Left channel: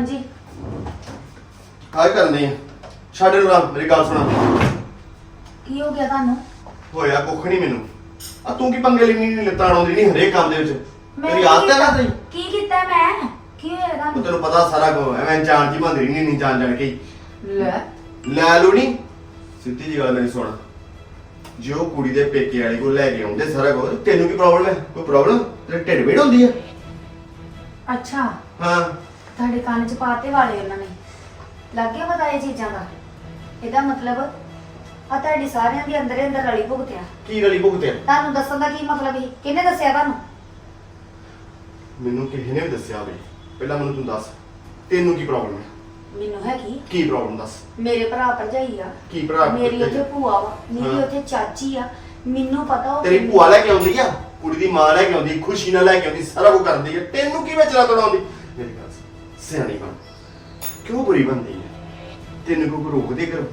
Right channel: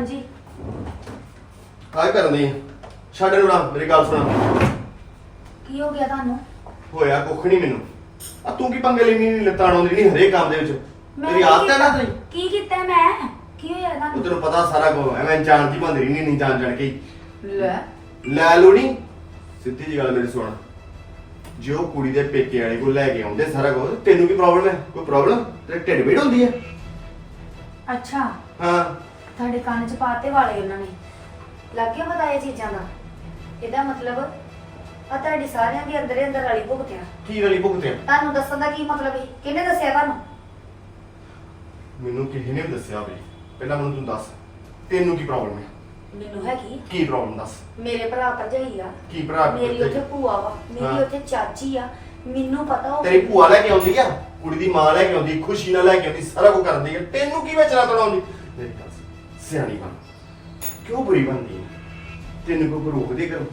ਹਾਂਜੀ। ਆਏ ਕਰਨੀ ਆ। ਛੱਡ ਨੂੰ ਰਾਮ ਮੇਰੀ ਗੱਲ ਸੁਣ। ਕੀ ਹੋ ਗਿਆ ਤੁਹਾਨੂੰ? ਹੋਇਆ ਕੁੱਖ ਨਹੀਂ ਮੈਨੂੰ। ਆ ਤੂੰ ਕੀ ਪੰਗੇ ਲੈਣੀ ਨਹੀਂ ਲੱਤਾਂ ਆਉਂਦੀ ਨਹੀਂ ਹਰੇਕ ਕੰਮ ਦੇ ਵਿੱਚ? ਮੇਰੀ ਆਦਤ ਹੈ ਨਾ ਤੇਰੀ? ਕੀ ਕੀਤਾ ਮੈਂ? ਕੀ ਹੋਇਆ ਉਹ ਤੁਹਾਨੂੰ ਤੈਨੂੰ ਪਤਾ ਸਾਰਾ ਕੁਝ ਐਵੇਂ ਜਾਣ ਦੀ ਬੰਦੀ ਨਹੀਂ ਨਹੀਂ ਜਾਣ ਜਾਣ ਕੇ। ਹੀ। ਲੈ। ਲੈ ਲੂ ਨਹੀਂ ਸਿੱਧੀ ਜੀ ਗੱਲ ਮੇਰੀ ਸੁਣ। ਜੇ ਉਹ ਕੁੜੀ ਦੇ ਪੇਕੇ ਵਾਲੇ ਕੋਲ ਲੈ ਕੇ ਆਉਂਦੇ ਸਾਰਾ ਕੁਝ ਤੈਨੂੰ ਕੀ ਪ੍ਰੋਬਲਮ ਹੈ? ਕੋਈ ਪ੍ਰੋਬਲਮ ਤੇਰੇ ਢਿੱਡ ਪੀੜ ਹੁੰਦੀ ਹੈ? ਅੱਛਾ। ਹਾਂ। ਤੁਹਾਡੇ ਕੰਨ 'ਚ ਪਾਤੇ ਵਾਲੇ ਉਹਨਾਂ ਨੇ। ਲੱਗ ਗਿਆ ਪਤਾ ਇਹ ਚੀਜ਼ਾਂ ਦਾ? ਇਹਦਾ ਮਤਲਬ ਆ ਤੁਹਾਡੀ ਸਾਰਿਆਂ ਦੇ ਅੰਦਰੇ ਅੰਦਰ ਰਲੀ ਭੁਗਤਿਆ। ਕੀ ਰਲੀ ਭੁਗਤਿਆ? ਤੁਹਾਨੂੰ ਦੱਸਣ ਦਾ ਕੀ ਮਤਲਬ ਸੀ ਕਿਹਨੇ ਦੱਸਿਆ ਤੁਹਾਨੂੰ? ਮੈਨੂੰ ਕਿਸੇ ਨੇ ਵੀ ਦੱਸਿਆ ਬਈ ਪਹਿਲਾਂ ਮੈਨੂੰ ਤੂੰ ਦੱਸ ਤੈਨੂੰ ਕੀ ਪ੍ਰੋਬਲਮ ਹੈ? ਮੈਨੂੰ ਹੈਗੀ ਕੀ? ਪ੍ਰੋਬਲਮ ਦੱਸ? ਮੇਰੇ ਭਰਾ ਭਰਜਾਈ ਆ। ਕੀ ਭਰਾ ਮੇਰੀ? ਉੱਥੇ ਭੂਆ ਵਾ। ਮੇਰੀ ਹਾਂ। ਉੱਥੇ ਚਾਚੀ ਆ। ਮੈਨੂੰ ਪਤਾ ਉਹ ਤੇਰੀ ਭੂਆ ਲੈ ਕੇ ਆਉਂਦੀ ਆ ਕੁੜੀ ਦੀ ਮਾਂ ਲੈ ਕੇ ਆਉਂਦੀ ਖੁਸ਼ੀ ਨਾਲ ਲੈ ਕੇ ਆਉਂਦੀ ਸਾਰਾ ਕੁਝ ਕਰਦੀ ਹੈ ਤੈਨੂੰ ਕੀ ਵਿਚਾਰਾ ਤੜਾਉਂਦੀ ਮੇਰੀ ਗੱਲ ਸਿਆਣੀ ਬਣ। ਕਿਉਂ ਬੁਰੀ ਬਣਦੀ ਹੈ? ਤੈਨੂੰ ਕੋਈ ਰੋਕਦੇ ਕਰੋ।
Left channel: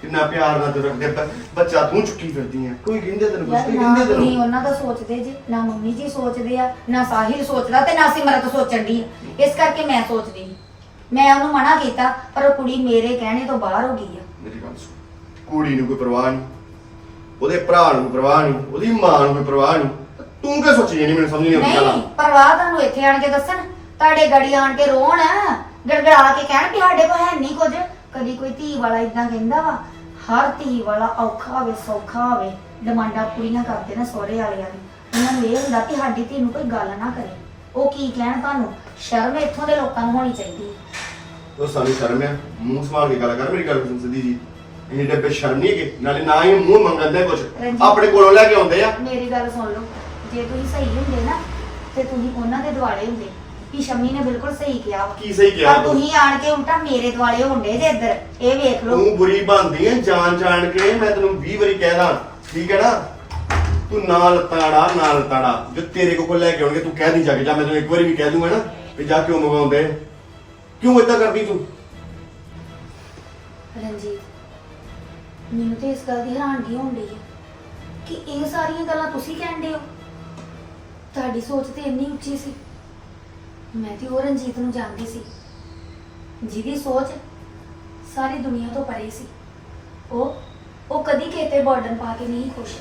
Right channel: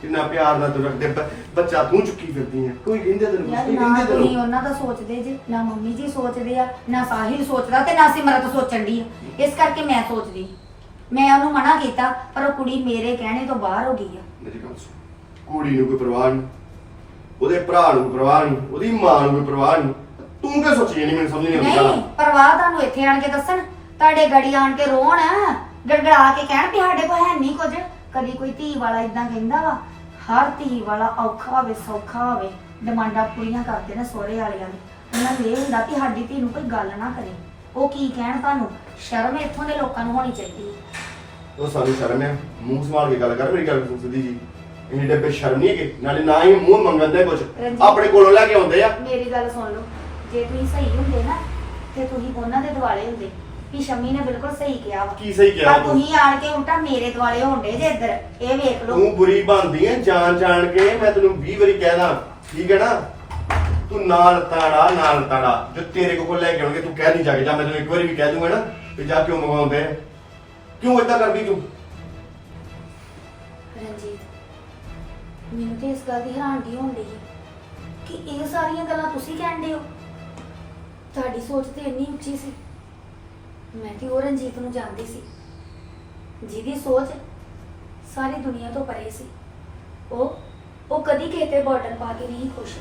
ਕਿੰਨਾ ਪਿਆਰ ਨਾਲ ਤੂੰ ਰੱਖਦੇ ਬ- ਬੱਚਾ ਤੂੰ ਚੁੱਕੀ ਫਿਰਦੀ ਹੈ। ਕੋਈ ਕਹਿੰਦੇ ਤੈਨੂੰ ਕੁਛ? ਯਾਰ ਨਹੀਂ ਨਾ ਕਹਿੰਦੇ ਤੈਨੂੰ ਉਹਨਾਂ ਦਾ ਸੋਚਦੇ ਜੀ। ਨਾ ਮੰਮੀ ਜੀ ਸੋਚਦੇ ਆ ਨਾ ਸਾਹਿਲ ਸੋਚਦਾ ਤੇ ਨਾ ਸਿਮਰਤ ਸੋਚਣ ਦੀ ਇਸ ਕਰਕੇ ਮੈਂ ਸੋਚਦੀ ਮੈਂ ਉਹਨੂੰ ਮਨਾ ਕੀਤਾ ਪਰ ਉਹ ਕੁੜੀ ਮੇਰੇ ਕਹਿਣੇ ਤੋਂ ਬਾਹਰ ਹੋ ਗਈ ਆ। ਮੇਰੀ ਗੱਲ ਸੁਣ। ਕੁੜੀ ਨੂੰ ਕੋਈ ਪਰਵਾਹ ਨਹੀਂ। ਉਹਦੇ ਭਰਾ ਨੂੰ ਕੋਈ ਪਰਵਾਹ ਨਹੀਂ। ਉਹਦੀ ਮਾਂ ਨੂੰ ਕੋਈ ਪਰਵਾਹ ਨਹੀਂ। ਤੂੰ ਕੀ ਸੋਚੀ ਨਹੀਂ ਮੈਨੂੰ ਸਮਝ ਨਹੀਂ ਆਉਂਦੀ ਨਹੀਂ ਗੱਲ ਪਰਵਾਹ ਤੁਹਾਨੂੰ ਇੱਥੇ ਆਣ ਕੇ ਦੱਸਣ। ਤੁਹਾਡੇ ਗੜੀ ਆਣ ਕੇ ਰੋਣ ਗੜਗੜਾ ਕੇ ਕਹਿਣ ਕਿ ਸਾਡੇ ਕੋਲ ਹੈ ਨਹੀਂ ਕੁਝ। ਕਦੀ ਕੋਈ ਧੀ ਵਾਲਾ ਇਦਾਂ ਕਹਿੰਦਾ ਵਾ ਹਰ ਧੀ ਵਾਲਾ ਔਖਾ ਹੋਵੇ ਸੌਖਾ ਹੋਵੇ ਡਿਮਾਂਡਾਂ ਪੂਰੀਆਂ ਕਰਦੇ ਨੇ ਸਹੁਰੇ ਵਾਲਿਆਂ ਦੀ। ਉਹਨਾਂ ਨੂੰ ਇਹ ਹੁੰਦਾ ਕਿ ਸਾਡੀ ਧੀ ਨੂੰ ਕੋਈ ਗੱਲ ਨਾ ਕਰੇ। ਉਹ ਕੀ ਕਹਿਣ ਤੁਹਾਨੂੰ? ਸ਼ਰਮ ਇੱਥੋਂ ਦੇ ਲੋਕਾਂ ਨੂੰ ਹੋਣੀ ਚਾਹੀਦੀ ਉਹ ਸਾਨੂੰ ਸ਼ਰਮ ਹੈ ਮੂੰਹ ਸੰਭਾਲ ਕੇ ਗੱਲ ਕਰ ਮੇਰੀ ਗੱਲ ਸੁਣ ਸਿੱਧੀ ਜੀ। ਇਹ ਡੱਬੇ ਸ਼ਰਮ ਨਹੀਂ ਕਿ ਨਾਲੇ ਨਾ ਹੀ ਮੂੰਹ ਮੰਗਦੇ ਕੁਝ ਰਣਜੀਤ। ਆਪਣੇ ਕੋਲੋਂ ਲੈ ਕੇ ਆਉਂਦੇ ਆ। ਮੇਰੀ ਗੱਲ ਸੁਣ ਲਓ। ਜੇ ਤੁਸੀਂ ਸਹੀ ਹੁੰਦੇ ਨਾ ਤੇ ਤੁਸੀਂ ਉਹਨਾਂ ਦੇ ਦੁਆਲੇ ਹੁੰਦੇ। ਵੀ ਸ਼ਮੀ ਨੇ ਬਿਲਕੁਲ ਸਹੀ ਕਿਹਾ ਵਾ। ਕੀ ਸਹੀ ਕਿਹਾ ਪਰ ਤੂੰ? ਤੁਸੀਂ ਆਣ ਕੇ ਉਲਟਾ ਮੇਰੇ ਦੁਆਲੇ ਹੁੰਦੇ ਜੇ ਇੱਧਰ ਇਹ ਵੇਖ ਲਓ। ਤੂੰ ਬੁਰੀ ਬਣਦੀ ਹੈ ਜਾਣ ਜਾਣ ਕੇ ਮੈਂ ਤੈਨੂੰ 20 ਵਾਰੀ ਕਹਿਦਾ ਠੀਕ ਹੈ ਨਾ? ਤੂੰ ਨਾਲ ਤਾੜਾ ਨਾਲ ਤਾੜਾ ਜੋ ਤੇਰੇ ਕੋਲ ਲੈ ਕੇ ਆਉਣਗੇ ਤੂੰ ਕਹਿ ਦੀ ਜਾ ਕੇ ਜਾਂ ਮੈਂ ਤੈਨੂੰ ਇੱਕ ਵਾਰੀ ਵੀ ਕਹਿ ਦੂੰਗਾ ਨਾ ਕਿ ਜਾ ਕਿਉਂ ਮੰਗਵਾਉਂਦੇ ਆ? ਕਿਉਂ ਇਦਾਂ ਕਰਦੀ ਤੂੰ? ਰਣਜੀਤ ਮੈਨੂੰ ਤੇ ਇਸ ਗੱਲ ਦੀ ਹੈਰਾਨਗੀ ਹੋਣ ਡਈ ਹੈ ਕਿ ਇਹ ਸਾਰੀਆਂ ਗੱਲਾਂ ਤੁਸੀਂ ਕਹਿੰਦੇ ਹੋ। ਤੁਹਾਡੀ ਸੋਚ ਤੇ ਇੰਨੀ ਉੱਚੀ ਸੀ। ਮੈਂ ਤੇ ਉਹ ਰਣਜੀਤ ਨੂੰ ਜਾਣਦੀ ਸੀ। ਜਿਹਦੀ ਸੋਚ ਸਾਰੀ ਦੁਨੀਆ ਤੋਂ ਪਰੇ ਸੀ। ਉਹ ਉਹ ਕਦੀ ਕਿਸੇ ਬਾਰਡਰ ਪਾ ਕੇ ਨਹੀਂ ਖੁਸ਼।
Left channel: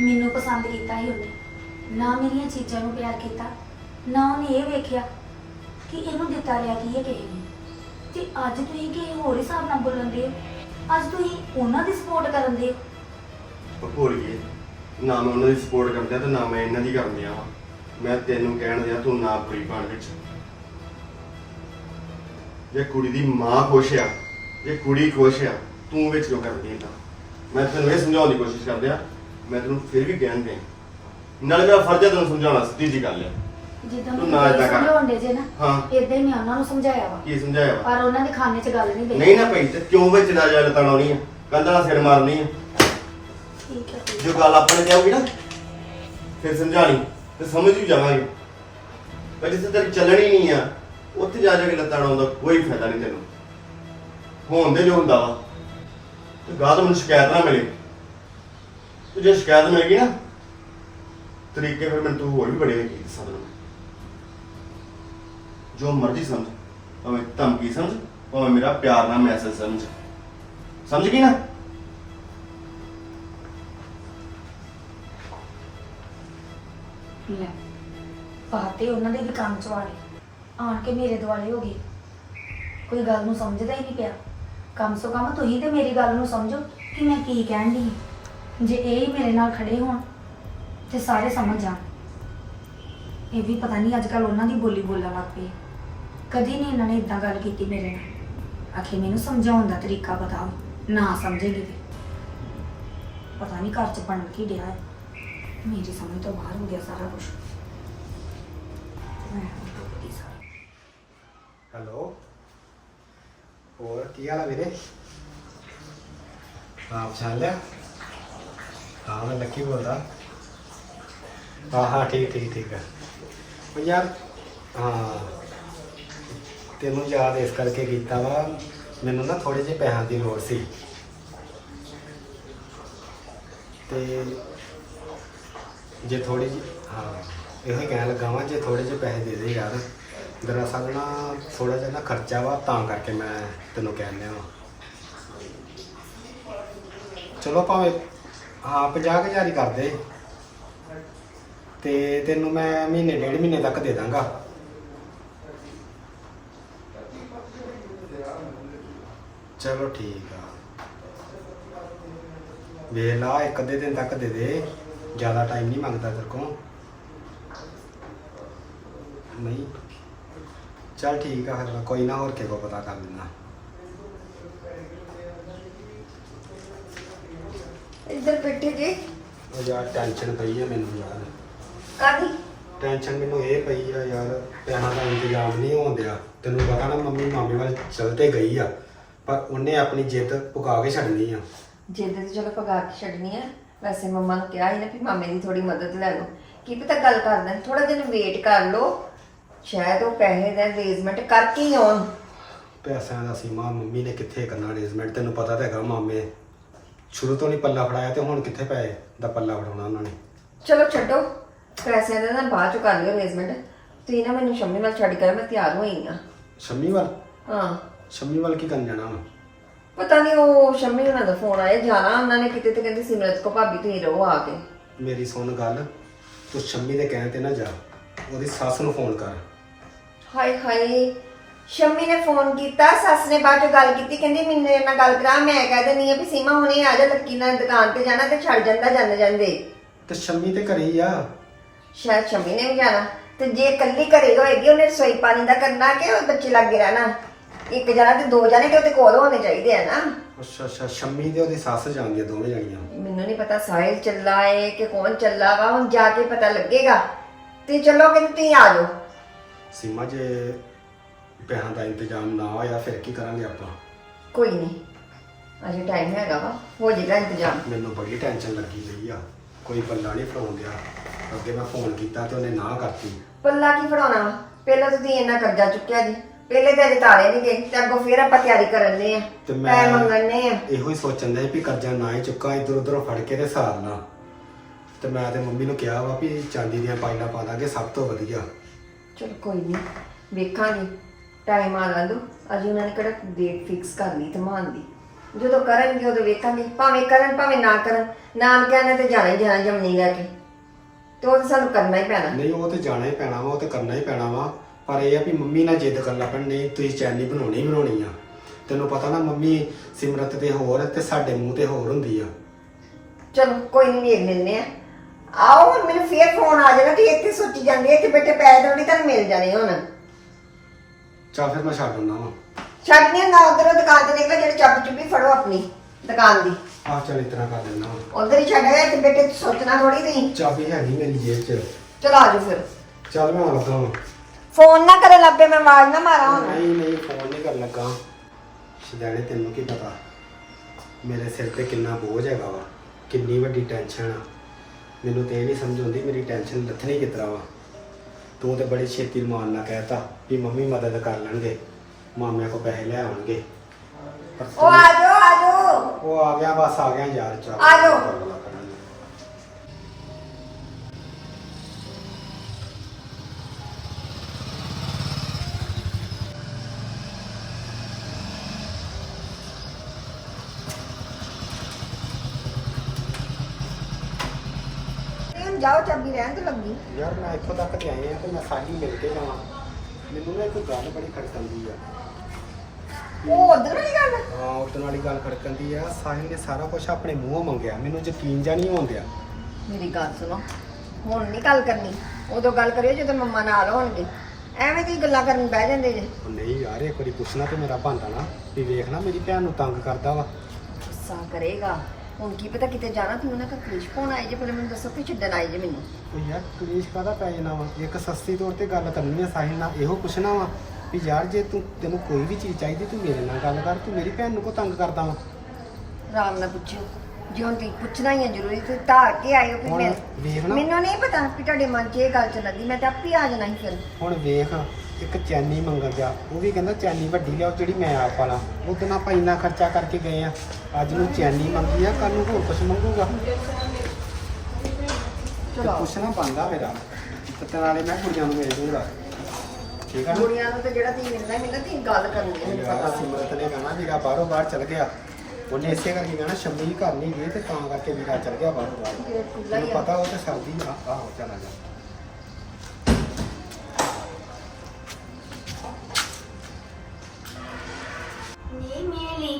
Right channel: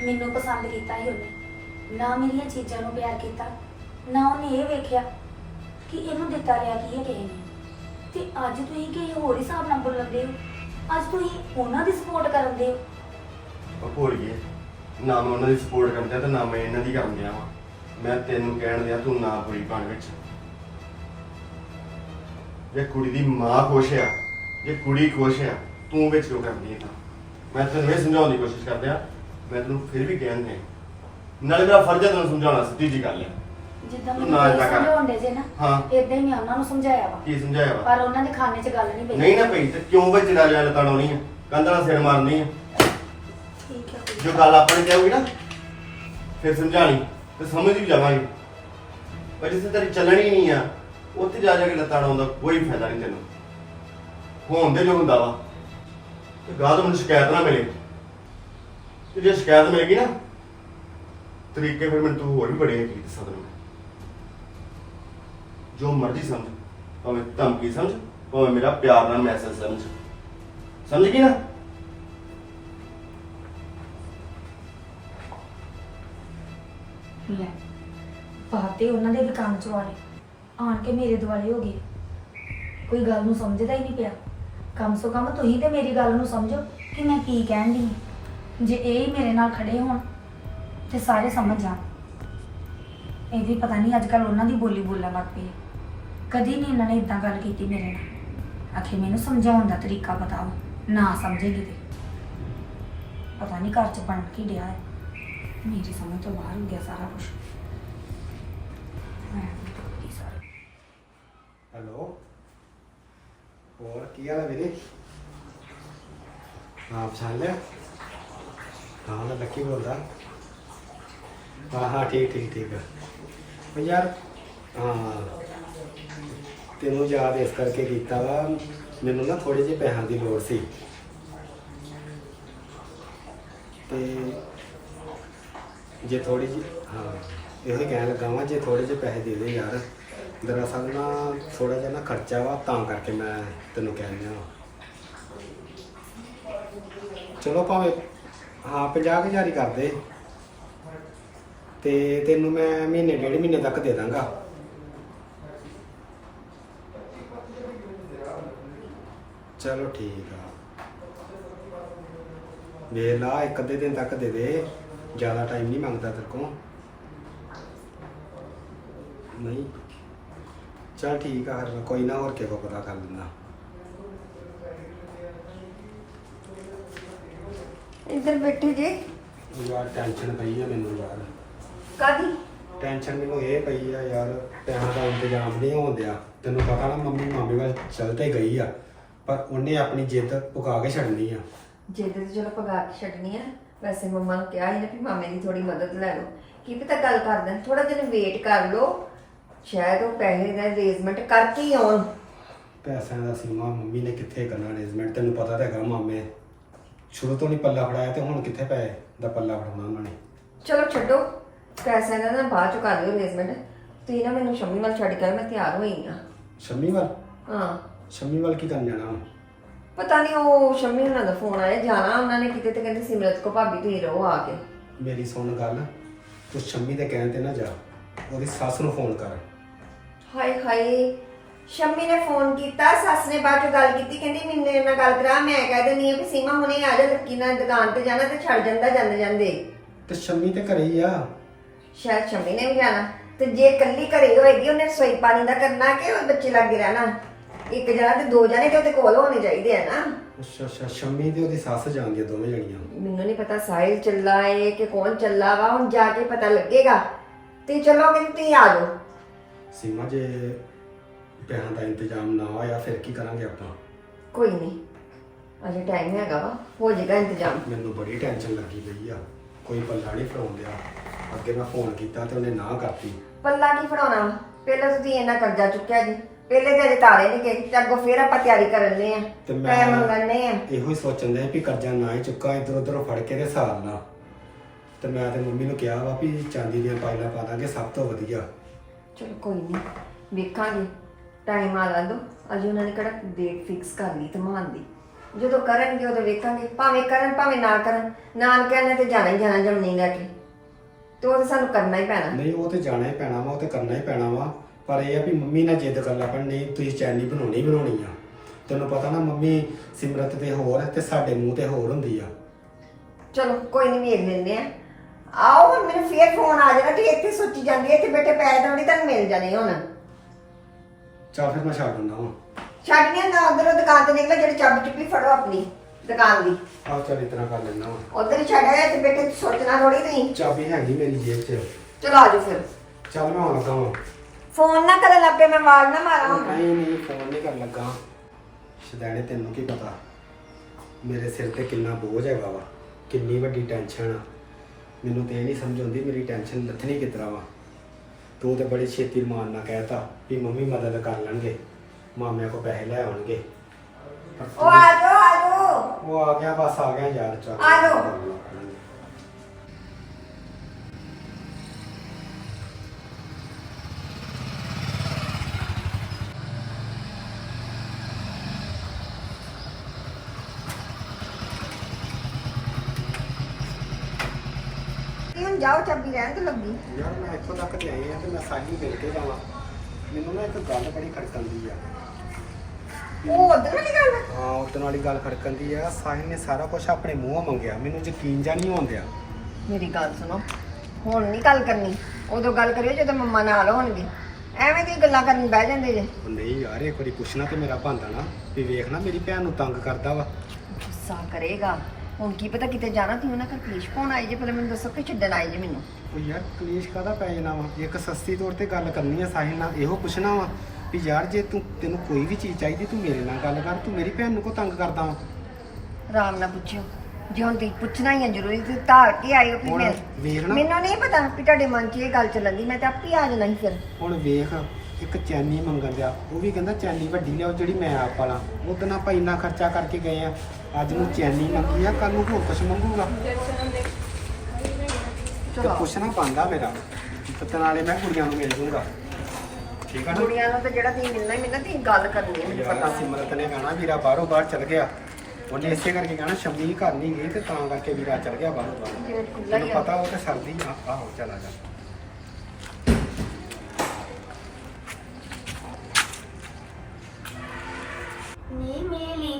ਮੈਨੂੰ ਪਸੰਦ ਕੀਤਾ ਹੀ ਉਹਨੇ। ਨਾ ਮੇਰੀਆਂ ਚੀਜ਼ਾਂ ਨੂੰ ਪਿਆਰ ਕੀਤਾ, ਨਾ ਉਹਨੇ ਇਹ ਵੇਖਿਆ ਕਿ ਇਹਨੂੰ ਦਿੱਤਾ ਗਿਆ ਕੀ ਹੈ ਕਿਸੇ ਨੇ। ਤੇ ਅੱਜ ਤੁਸੀਂ ਕਿਸੇ ਹੋਰ ਹਿਸਾਬ ਨਾਲ ਬੋਲਣਦੇ ਹੋ? ਅੱਜ ਤੁਸੀਂ ਉਹਨਾਂ ਦੀ ਸਪੋਰਟ ਕਰਦੇ ਹੋ? ਉਹ ਭੁੱਲ ਗਏ ਨਾ ਮੈਂ ਉਹਨਾਂ ਦੀ ਸਪੋਰਟ ਕਰਦਾ ਤੇ ਨਾ ਮੈਂ ਇਹਨਾਂ ਦੀ ਕਰਨ ਦਿਆ। ਮੈਂ ਤੈਨੂੰ ਕਹਿਣ ਦਿਆ ਤੂੰ ਨਾ ਬੁਰੀ ਬਣ ਵਿੱਚ। ਜੇ ਕੁੜੀ ਦੀ ਮਾਂ ਖੁਸ਼ ਆ ਜੇ ਕੁੜੀ ਖੁਸ਼ ਆ ਤੂੰ ਵਿੱਚ ਕਿਉਂ ਕਰਦੀ ਹੈ ਮੈਂ ਤੈਨੂੰ ਇਹ ਸਮਝਾਉਣ ਦੀ ਕੋਸ਼ਿਸ਼ ਕਰਦਿਆ ਮੈਂ ਤੈਨੂੰ ਫਿਰ ਵੀ ਕਹਿਣ ਦੇ ਨਾਲੇ ਮੇਰਾ ਫਰਜ਼ ਹੈ ਤੈਨੂੰ ਸਮਝਾਉਣਾ ਸਿੱਧੀ ਜੀ ਗੱਲ ਹੈ ਜਿੱਦਾਂ ਤੂੰ ਮੈਂ ਨਾ ਏਦਾਂ ਕਰ। ਸਮਝਾਉਂਦੇ ਜੇ ਨਾ ਹਾਂ। ਇਦਾਂ ਹੀ ਮੈਂ ਉਹਨਾਂ ਨੂੰ ਸਮਝਾਇਆ ਵਾ। ਕੀ ਸਮਝਾਇਆ ਵਾ? ਪਰ ਉਹਨਾਂ ਦੇ ਖਾਨੇ 'ਚ ਗੱਲ ਨਹੀਂ ਨਹੀਂ ਨਾ ਪਈ ਤੇ ਕਿਉਂ ਵਿੱਚ ਨਾ ਜਾ ਲਤਾਣਾਉਣੀ ਆ? ਕੰਧਾਂ ਨਾਲ ਸਿਰ ਮਾਰਨੀ ਆ। ਠੀਕ ਹੈ ਠੀਕ ਜੋ ਗੱਲ ਆਪਣੇ ਤੇ ਆਉਗੀ ਨਾ ਫਿਰ ਸਮਝਾਣੀ ਤੇ ਸਮਝ ਵੀ ਜਾਵਾਂਗੇ। ਪਰ ਜਿੱਥੇ ਤੇਰੀ ਚੱਲਣੀ ਨਹੀਂ ਆ, ਉੱਥੇ ਜਾ ਜਾ ਕੇ ਲੱਤਾਂ ਡਾਉਣ ਦਾ ਕੋਈ ਫਾਇਦਾ ਨਹੀਂ ਤੈਨੂੰ। ਹੋਣ ਦੇ ਜੋ ਹੁੰਦਾ ਵਾ। ਤੇ ਗਾਹ ਤੋਂ ਮੈਨੂੰ ਸ਼ਿਕਾਇਤ ਨਾ ਮਿਲੇ। ਤੇ ਜੇ ਸ਼ਿਕਾਇਤ ਮਿਲ ਗਈ ਨਾ, ਤਰੀਕੇ ਫਿਰ ਮੈਨੂੰ ਤੂੰ ਹੋਰ ਵੀ ਬੜੇ ਕੀ ਦੱਸਾਂ ਤੈਨੂੰ ਜੋ ਮਰਜ਼ੀ ਸਮਝ, ਭਾਵੇਂ ਧਮਕੀ ਸਮਝ, ਭਾਵੇਂ ਮੇਰਾ ਪਿਆਰ ਨਾਲ ਮੈਸੇਜ ਸਮਝ। ਸਮਝ ਗਈ ਨਾ? ਲੈ ਬਾਤੇ ਉਹਨਾਂ ਦੇ ਵੀ ਕੰਮ ਚ ਵਾਲੇ। ਆਣ ਕੇ ਮੇਰੇ ਦੁਆਲੇ ਹੋ ਗਏ। ਕੋਈ ਗੱਲ ਨੂੰ ਸਮਝਦਾ ਹੀ ਨਹੀਂ ਪਿਆ। ਕਮ ਸੋ ਕਮ ਤੁਸੀਂ ਤੇ ਮੇਰੀ ਗੱਲ ਨੂੰ ਸਮਝੋ ਕਿ ਮੈਂ ਕੀ ਕਹਿਣ ਦੀ ਜੇ ਇਹ ਹੀ ਮੇਰੇ ਨਾਲ ਖੜੇ ਹੋਣ, ਤੇ ਸਾਰੇ ਸਮਝ ਜਾਣ। ਇਹ ਵੀ ਪਤਾ ਨਹੀਂ ਅੱਜ ਕੱਲ ਉਹਨਾਂ ਦੀ ਬੋਲੀ ਬੋਲਣ ਲੱਗ ਪਈ ਹੈ। ਕਦੀ ਨਹੀਂ ਇਹਨਾਂ ਨੇ ਇਦਾਂ ਗੱਲ ਕੀਤੀ ਮੇਰੇ ਨਾਲ। ਆਖੇ ਮੈਨੂੰ ਸਮਝਾਉਣ ਦਾ ਤਰੀਕਾ ਬਤਾਓ ਨਾ ਸਮਝੇਗੀ ਤੇ। ਪਤਾ ਨਹੀਂ ਘਰ ਚ ਬਣ ਕੀ ਡਿਆ ਹੈ। ਮੇਰੀ ਸਮਝ ਤੋਂ ਬਾਹਰ ਹੋ ਗਿਆ ਸਾਰਾ ਕੁਝ ਮੈਂ ਕੀ ਸਾਰਾ ਹੈਲੋ ਹੋਰ ਕੀ ਹਾਲ ਆ ਵੀਰੇ ਹਾਂ ਪਛਾਣ ਲਿਆ ਹਾਂ ਮੈਂ ਲੱਕੀ ਬੋਲਦਾ ਹਾਂ ਹਾਂ ਠੀਕ ਠੀਕ ਠੀਕ ਆ ਉਹ ਯਾਰ ਹਾਂ ਤੈਨੂੰ ਯਾਦ ਇਸ ਕਰਕੇ ਕੀਤਾ ਵਾ ਮੈਨੂੰ ਨਾ ਥੋੜੇ ਜਿਹੇ ਪੈਸਿਆਂ ਦੀ ਲੋੜ ਸੀ ਤੇ ਜੇ ਥੋੜੀ ਜਿਹੀ, ਹਾਂ, ਇਹੋ ਹੀ ਕਹਿਣ ਲੱਗਾ ਵਾਂ, ਜੇ ਥੋੜੇ ਜਿਹੇ ਪੈਸੇ ਦੇ ਦੇ ਯਾਰ, ਦਰਅਸਲ ਨਾ ਥੋੜਾ ਜਿਹਾ ਨਾ ਖਰਚਾ ਵਾ, ਤਾਂ ਕਰਕੇ ਮੈਂ ਤੈਨੂੰ ਕਹਿਣ ਲਿਆ ਵਾ। ਚਲੋ ਭਾਵੇਂ, ਹਾਂ 50000 ਹੀ ਕਰ ਦੇ। ਤੇ ਤੈਨੂੰ ਮੈਂ ਮਹੀਨੇ, ਡੇਢ ਮਹੀਨੇ ਤੱਕ ਦੇ ਦਾਂਗਾ। ਚਲੋ ਠੀਕ ਆ। ਵੇਖ ਲਾ, ਇੱਕ ਅੱਧੇ ਦਿਨ ਤੱਕ ਦੇ ਦੇ। ਜ਼ਿਆਦਾ ਟਾਈਮ ਨਹੀਂ ਮੰਗਦਾ ਤੇਰੇ ਕੋਲ। ਨਹੀਂ। ਚਲ ਠੀਕ ਆ ਫਿਰ ਮੈਂ ਕੋਈ ਨਾ ਹੋਰ ਕੇ ਕੋ ਪਤਾ ਕਰ ਲੈਣਾ ਇੱਧਰ ਬੈਠੇ ਜੇ। ਉਹ ਯਾਰ ਟੈਨਸ਼ਨ ਪਈ ਹੈ ਮੈਨੂੰ ਯਾਰ। ਕਾਦੀ ਟੈਨਸ਼ਨ ਮੈਨੂੰ ਇਹ ਪਈ ਆ ਯਾਰ ਪੈਸਾ ਦਾ ਇੰਤਜ਼ਾਮ ਨਹੀਂ ਹੋਣ ਦਿਆ। ਤੈਨੂੰ ਪਤਾ ਨਾ ਮੰਮੀ ਮਾਮੇ ਵੱਲ ਚੱਲ ਤੇ ਗਈ ਆ। ਪਰ ਉਹਨੇ ਆਪਣੀ ਜਿੱਦ ਪੁਕਾ ਕੇ ਛੱਡਣੀ ਆ। ਜਿੱਦ ਤੇ ਚਲੋ ਪਗਾ ਕੇ ਛੱਡਣੀ ਆ। ਵੈਸੇ ਮੰਮਾ ਨੂੰ ਕਿਹਾ ਸੀ ਨਾ ਵੀ ਮਾਮੇ ਦੀ ਥੋੜੀ ਮਦਦ ਲੈ ਲਓ। ਕੀ ਪਤਾ ਗੱਲ ਕਰ ਦੇਣ ਥੋੜਾ ਜਿਹਾ ਵੇਟ ਕਰ ਲਓ। ਸ਼ਾਇਦ ਉਹ ਪੈਸੇ ਦਾ ਅਰੇਂਜਮੈਂਟ ਕਰਕੇ ਹੀ ਆਉਣ। ਪੈਸਿਆਂ ਦਾ ਸੀਮਾ ਮੰਮੀ ਨੇ ਕਿੱਥੇ ਕਰਨਾ ਅਰੇਂਜਮੈਂਟ ਤੈਨੂੰ ਪਤਾ ਤਾਂ ਹੈਗਾ ਮਾਮੇ। ਸ਼ੁਰੂ ਤੋਂ ਨਹੀਂ ਪੱਲਾ ਫੜਾਇਆ ਤੇ ਹੁਣ ਕਿੱਥੇ ਪਏ ਦਾ ਪੱਲਾ ਫੜਾਉਣਾ ਉਹਨਾਂ ਨੇ? ਚਲੋ ਛੱਡੋ ਪੈਸਿਆਂ ਦਾ ਨਾ ਬਾਅਦ ਚ ਕਰ ਲਿਓ ਅਰੇਂਜਮੈਂਟ ਤੁਸੀਂ ਨਾ ਮੈਨੂੰ ਸ਼ੰਮੀ ਵੱਲ ਛੱਡ ਕੇ ਮੈਂ ਤਿਆਰ ਹੋਈ ਆ। ਸ਼ੰਮੀ ਵੱਲ? ਹਾਂ। ਸ਼ੰਮੀ ਵੱਲ ਕੀ ਕਰਨ ਜਾਣਾ ਹੁਣ? ਪਤਾ ਨਹੀਂ ਉਹ ਸ਼ੰਮੀ ਉਹਨਾਂ ਦਾ ਫੋਨ ਆਇਆ ਜਾਣਾ ਉਹਨਾਂ ਨੇ ਕਿਤੇ ਤੇ ਕਹਿੰਦੇ ਸਿਮਰਤ ਕੋ ਭਾਬੀ ਤੁਸੀਂ ਰਹੋ ਆ ਕੇ। ਮੇਰੀ ਸੁਣ ਗੱਲ ਤੂੰ ਸ਼ੰਮੀ ਦੇ ਕਹਿਣ ਤੇ ਨਾ ਜਾ ਉਹਦੀ ਸੱਸ ਨੂੰ ਫੋਨ ਕਰ। ਹਾਏ ਹਾਏ ਸ਼ੰਮੀ ਨੇ ਫੋਨ ਕੀਤਾ ਸੱਸ ਨੇ ਬਾਅਦ ਚ ਗੱਲ ਕੀਤੀ ਕਹਿੰਦੀ ਮੈਨੂੰ ਇਹਨਾਂ ਨਾਲ ਗੱਲ ਕਰਾ ਮੈਂ ਕਹਿ ਦਿੰਦੀ ਆ ਵੀ ਸੀਮਾ ਹੁਣੇ ਆ ਜਾ ਲੱਕੀ ਨਾਲ ਦੁਕਾਨ ਤੇ ਜਾਣਾ ਤੇ ਛੱਡ ਜਾਂਦਾ ਜਾਂਦੇ ਜਾਂਦੇ। ਤੇ ਸ਼ੰਮੀ ਤੇ ਘਰੇ ਹੀ ਆ। ਸ਼ਾਇਦ ਸ਼ੰਮੀ ਨੇ ਵੀ ਜਾਣਾ ਤੇ ਜੇ ਇਕੱਲੀ ਘਰੇ ਹੋਏਗੀ ਉਹਨੇ ਰਸੋਈ ਪਾਣੀ ਦਾ ਕਰਨਾ ਕਿ ਉਹ ਬੱਚੇ ਲੱਗੇ ਰਹਿਣਾ? ਇੱਕ ਜਣਾ ਤੇ ਦੋ ਜਣੇ ਤੇ ਉਹਦੇ ਕੋਲ ਹੋਣੇ ਚਾਹੀਦੇ ਆ ਨਾ। ਅੱਛਾ ਅੱਛਾ ਸ਼ੰਮੀ ਤੇ ਉਹਦੀ ਸੱਸ ਜਾਂਦੀ ਆ ਦੋਵੇਂ ਜਣੀਆਂ। ਮੈਨੂੰ ਨਹੀਂ ਪਤਾ ਸਾਹਿਲ ਚੱਲਾ ਏ ਕਿ ਕੌਣ ਚੱਲਾ ਵਾ ਹੁਣ ਜਾ ਕੇ ਪਤਾ ਲੱਗੇਗਾ। ਤੇ ਚਲੋ ਕਹਿੰਦੇ ਤੁਸੀਂ ਆ ਜਾਓ। ਸੀਮਾ ਜੇ ਪੈਸਿਆਂ ਦਾ ਇੰਤਜ਼ਾਮ ਨਾ ਹੋਇਆ ਫਿਰ ਕੀ ਕਰਾਂਗੇ ਆਪਾਂ? ਕੋਈ ਨਹੀਂ ਅਜੇ ਟਾਈਮ ਹੈਗਾ ਵਾ ਹੋ ਜਾਏਗਾ ਇੰਤਜ਼ਾਮ। ਮੈਨੂੰ ਬੜੀ ਟੈਨਸ਼ਨ ਲੱਗੀ ਪਈ ਆ ਕੋਈ ਪੱਲਾ ਨਹੀਂ ਫੜਾਉਣ ਦਿਆ ਅੱਗੇ ਮੈਂ ਫੋਨ ਕੀਤਾ ਤੇ ਉਹਨੇ ਨਾ ਕਰਤੀ। ਪੱਲਾ ਕੀ ਫੜਾਉਣਾ ਵਾ? ਪਹਿਲਾਂ ਤੁਸੀਂ ਇੰਨਾ ਕਰਜ਼ਾ ਚੁੱਕਿਆ ਜੀ। ਪਹਿਲੇ ਤੇ ਅਜੇ ਤਾਰੇ ਨਹੀਂ ਗਏ ਤੇ ਅੱਗੋਂ ਫੇਰ ਆਪਾਂ ਤਿਆਰੀ ਕਰਨ ਨੇ ਆ ਤੇ ਮੈਂ- ਪੈ ਮੰਗਣੇ ਆ। ਇਹੋ ਹੀ ਸੋਚਣ ਦੇ ਵੀ ਕਰਜ਼ਾ ਨਾ ਹੀ ਚੁੱਕਾਂ ਇਧਰ ਉਧਰੋਂ ਫੜ ਕੇ ਤੇ ਸਾਰ ਲਾ। ਤੇ ਮੈਂ ਤੇ ਮੰਮੀ ਨੂੰ ਕਿਹਾ ਵਾ ਵੀ ਚਾਂਦੀ ਦੀਆਂ ਪਾਈਲਾਂ ਪਾ ਦਾਂਗੇ ਸਭ ਤੋਂ ਵਧੀਆ। ਚਲੋ ਕੋਈ ਨਹੀਂ ਵੇਖਾਂਗੇ ਟਾਈਮ ਆ ਲੈਣ ਦੋ। ਅਜੇ ਉਹਨਾਂ ਨੇ ਕਿਹੜਾ ਡੇਟ ਫਿਕਸ ਕਰ ਲਈ ਧਮਾਨ ਦੀ। ਜਦੋਂ ਕਰਨਗੇ ਉਦੋਂ ਵੇਖਾਂਗੇ ਭਾਵੇਂ ਕਰਨ ਭਾਵੇਂ ਨਾ ਕਰਨ ਨਾਨਕਿਆਂ ਨੇ ਤੇ ਜਾਣਾ ਹੀ ਜਾਣਾ ਜਮਨੀ ਲੈ ਕੇ। ਤੇ ਉਹ ਤਾਂ ਸਾਨੂੰ ਕਰਨਾ ਹੀ ਪੈਣਾ। ਨਹੀਂ ਉਹ ਤੇ ਜਾਣਾ ਹੀ ਪੈਣਾ ਵਾ ਉਹ ਤੇ ਕਰਨਾ ਹੀ ਪੈਣਾ ਵਾ। ਪਰ ਇਹ ਆ ਵੀ ਮੰਮੀ ਨਾਲ ਜਿੱਦ ਕਰ ਲੱਪਣ ਨਹੀਂ ਤੁਸੀਂ ਚੈਨੀ ਬਣਾਉਣੀ ਹੀ ਬਣਾਉਣੀ ਆ। ਤੈਨੂੰ ਪਤਾ ਨਾ ਮੰਮੀ ਸਿਮਰਤ ਤੇ ਹੋਰ ਤੇ ਸਾਡੇ ਮੂੰਹ ਤੇ ਹੋਰ ਹੁੰਦੀ ਆ। ਚਲੋ ਕੋਈ ਨਹੀਂ ਵੇਖ ਲੈਂਦੇ ਆ। ਆਓ ਹੁਣ ਮੈਨੂੰ ਫੇਰ ਫੋਨ ਆ ਜਾਣਾ ਤੇ ਇੱਥੇ ਸੋਚੀ ਜਾਂਦੀ ਹੈ ਇੱਥੇ ਬੈਠੇ ਪੈਸੇ ਥੋੜੀ ਤੁਹਾਨੂੰ ਮਿਲ ਜਾਣੇ ਹੁਣ। ਚੱਲ ਫਿਰ ਮੈਂ ਛੱਡ ਦਿੰਦਾ ਵਾ। ਛੱਡ ਨਹੀਂ ਹੁੰਦਾ ਉਧਰੋਂ ਦੁਕਾਨ ਤੇ ਨਿਕਲੋ ਜਿਹੜੀ ਚੱਬ ਚੁੱਪੀ ਫੜੋ ਆਪਣੀ ਦੁਕਾਨ ਦੀ। ਆਹ ਚੱਲ ਇਤਨਾ ਕਰ ਲੈਣਾ ਵਾ। ਉਧਰ ਹੀ ਛੱਡ ਆਇਆ ਇੱਥੇ ਬੈਠੇ ਸੋਚਣਾ ਥੋੜੀ ਤੁਸੀਂ। ਚਾਬੀ ਹੈਗੀ ਮੇਰੀ ਜੇਬ 'ਚ। ਚਲੋ ਆ ਜਾਓ ਫਿਰ। ਚੱਲ ਮੈਂ ਲੱਗਾ ਵਾਂ। ਫੋਨ ਨਾ ਕਰਨ ਲੱਗੇ ਮੈਂ ਆਵਾਜ਼ ਨਾ ਮਾਰਾਂ ਹੁਣ। ਨਹੀਂ ਨਹੀਂ ਫੋਨ ਨਹੀਂ ਕਰਨ ਲੱਗਾ। ਸ਼ਦੈਣੇ ਤੈਨੂੰ ਕੀ ਪਤਾ? ਮੇਰੇ ਸਿਰ ਤੇ ਕਿੰਨਾ ਬੋਝ ਹੈਗਾ ਵਾ ਕਿੰਨੀ ਵੱਡੀ ਟੈਨਸ਼ਨ ਆ। ਮੈਨੂੰ ਤੇ ਇਹ ਨਹੀਂ ਸਮਝ ਆਉਂਦੀ ਮੇਰੀ ਟੈਨਸ਼ਨ ਲੱਥਣੀ ਕਿਤਰਾ ਵਾ। ਤੂੰ ਤੇ ਬੜੀ ਛੇਤੀ ਮਾਨ ਨਾ ਕਹਿਤਾ ਵੀ ਮੰਮੀ ਮਦਦ ਕਰ ਲੈਣਗੇ ਮਾਮਿਆਂ ਕੋ ਪੈਸੇ ਲੈ ਆਉਣਗੇ। ਪਰ ਉਹ ਤੂੰ- ਆ ਜਾਓ ਆ ਜਾਓ। ਉਹ ਆ ਗਿਆ ਬਸ ਆ ਗਿਆ ਯਾਰ ਚਾਹ ਆ ਜਾਓ। ਜਾਓ ਚਾਬੀ ਰਹਿਣ ਤੇ ਲੱਗੀ। ਯਾਰ ਮੈਂ ਇੱਥੋਂ ਤੱਕ ਤੇ ਆਏ ਆ ਤੇ ਮੈਂ ਸਾਹੀ ਮਿਲ ਕੇ ਜਾਵਾਂ। ਮੈਨੂੰ ਨਾ ਇੱਕ ਗੱਲ ਬੜੀ ਖੜਕੰਦੀ ਆ। ਉਹ ਉਧਰ ਵਾਲੀ ਗੱਲ? ਹਾਂ ਉਦੋਂ ਵਾਲੀ ਗੱਲ ਖੜਕੰਦੀ ਆ। ਸਾਹਿਲ ਨੇ ਸਾਰਾ ਕੁਝ ਆਪਣੇ ਮੂੰਹੋਂ ਮੰਗਿਆ। ਮੈਨੂੰ ਯਕੀਨ ਜਾਂ ਨਹੀਂ ਆਉਂਦਿਆ ਮੇਰੀ ਗੱਲ ਸੁਣੋ। ਹੁਣ ਨਹੀਂ ਗੱਲ ਕਰਨੀ। ਉਦੋਂ ਗੱਲ ਕਰਿਓ ਜਦੋਂ ਮੰਮਾ ਨਾਲ ਹੋਣਗੇ। ਐਵੇਂ ਦੀ ਗੱਲਾਂ ਕਰਨ ਬਹਿ ਜਾਂਦੇ ਜੇ? ਉਹ ਨਹੀਂ ਯਾਰ ਇੱਕ ਵਾਰੀ ਪੁੱਛਣਾ ਤੇ ਮੇਰਾ ਬੰਦਾ ਨਾ। ਵੀ ਵੇਖ ਨਾ ਮੇਰੀ ਭੈਣ ਨੂੰ ਤੰਗ ਕਰਦਾ ਵਾ। ਗੁੱਸਾ ਕਰੇਗਾ। ਹੁਣ ਕੀ ਪਤਾ ਕਿਤੇ ਜਾਣਾ ਤੀ ਉਹਨਾਂ ਘਰ ਕਲੇਸ਼ ਪਾਉਣ ਆਏ ਜੇ ਪਹਿਲਾਂ ਮੈਨੂੰ ਦੱਸੋ ਕਿ ਛੱਡਣ ਆਏ ਜੇ ਮੈਨੂੰ। ਉਹ ਯਾਰ ਕਲੇਸ਼ ਕਾਦਾ ਪੈ ਜਾਣਾ ਵਾ? ਇੱਕ ਸਸਤੀ ਤੌਰ ਤੇ ਗੱਲ ਕਰਨੀ ਆ ਸਾਹਿਲ ਨਾਲ ਇਹੋ ਪੁੱਛਣਾ ਵਾ ਵੀ ਯਾਰ ਜੇ ਤੂੰ ਤੈਨੂੰ ਕੋਈ ਵੀ ਚੀਜ਼ ਚਾਹੀਦੀ ਤੂੰ ਮੇਰੇ ਨਾਲ ਗੱਲ ਕਰ ਤੂੰ ਮੇਰੀ ਭੈਣ ਨੂੰ ਕੋ ਤੰਗ ਕਰਦਾ ਵਾ? ਆਰਾਮ ਨਾਲ ਪੁੱਛਿਓ। ਜੇ ਹੁਣ ਤੁਸੀਂ ਪੁੱਛਣਾ ਹੀ ਹੈ ਜ਼ਰੂਰੀ ਤੇ ਧਾਰ ਕੇ ਆਇਓ ਵੀ ਹੁਣ ਮੈਂ ਵੇਖ ਨਾ। ਮੈਨੂੰ ਨਹੀਂ ਪਤਾ ਵੀ ਤੁਹਾਡੇ ਮਨ 'ਚ ਇਹ ਗੱਲ ਚੱਲਣ ਦੀ ਮੈਂ ਤਾਂ ਆਪੇ ਆ ਜਾਣਾ ਸੀ ਫਿਰ। ਹੁਣ ਵੇਖ ਇੱਕ ਚੈਨੀ ਮੰਗਣ ਦਿਆ ਉਹ ਵੀ ਕਹਿੰਦਾ ਚੈਨੀ ਵੱਡੀ ਲਿਆਓ ਜਿਹੜੀ ਮੈਂ ਆਪ ਵਾਲਾ। ਉਦੋਂ ਆਪਾਂ ਇੰਨਾ ਖਰਚਾ ਕਰਕੇ ਗਏ ਆ। ਅੱਜ ਨੂੰ ਚੈਨੀ ਮੰਗੀ ਆ ਕੱਲ ਨੂੰ ਹੋਰ ਕੁਝ ਮੰਗੂਗਾ। ਤੇ ਚਲੋ। ਪੁੱਛਣਾ ਬੰਦਾ ਮੇਰਾ ਤੇ ਨਾਲੇ ਮੈਂ ਕੁੜੀਆਂ ਨੂੰ ਮਿਲ ਜੂੰਗਾ। ਠੀਕ ਆ ਨਾ? ਕੁੜੀਆਂ ਨੂੰ ਤਾਂ ਜਿਹੜਾ ਤੀ ਮਿਲਣਾ ਹੀ ਮਿਲਣਾ ਤੀ ਗੱਲ ਕਰਨੀ ਹੈ ਮੈਨੂੰ ਯਾਰ, ਪਤਾ। ਸਿਮਰਤ ਨੇ ਕਹਿਣਾ ਵੀਰਾ ਬਾਹਰੋਂ ਬਾਹਰ ਚਲ ਗਿਆ। ਉਹਨੇ ਇਸੇ ਕਰਕੇ ਕਹਿਣਾ ਸ਼ੰਮੀ ਘਰ ਨਹੀਂ ਗਈ ਤੇ ਤਾਂ ਕਰਕੇ ਵੀਰਾ ਚਲ ਗਿਆ ਬਾਹਰੋਂ ਬਾਹਰ। ਖੁੱਲਾ ਹੀ ਆ। ਪਤਾ ਉਹ ਤੇ ਸਰਦੀ ਆ। ਆਹੋ ਚੱਲ ਆ ਜਾ। ਨੀ ਮੇਲੀ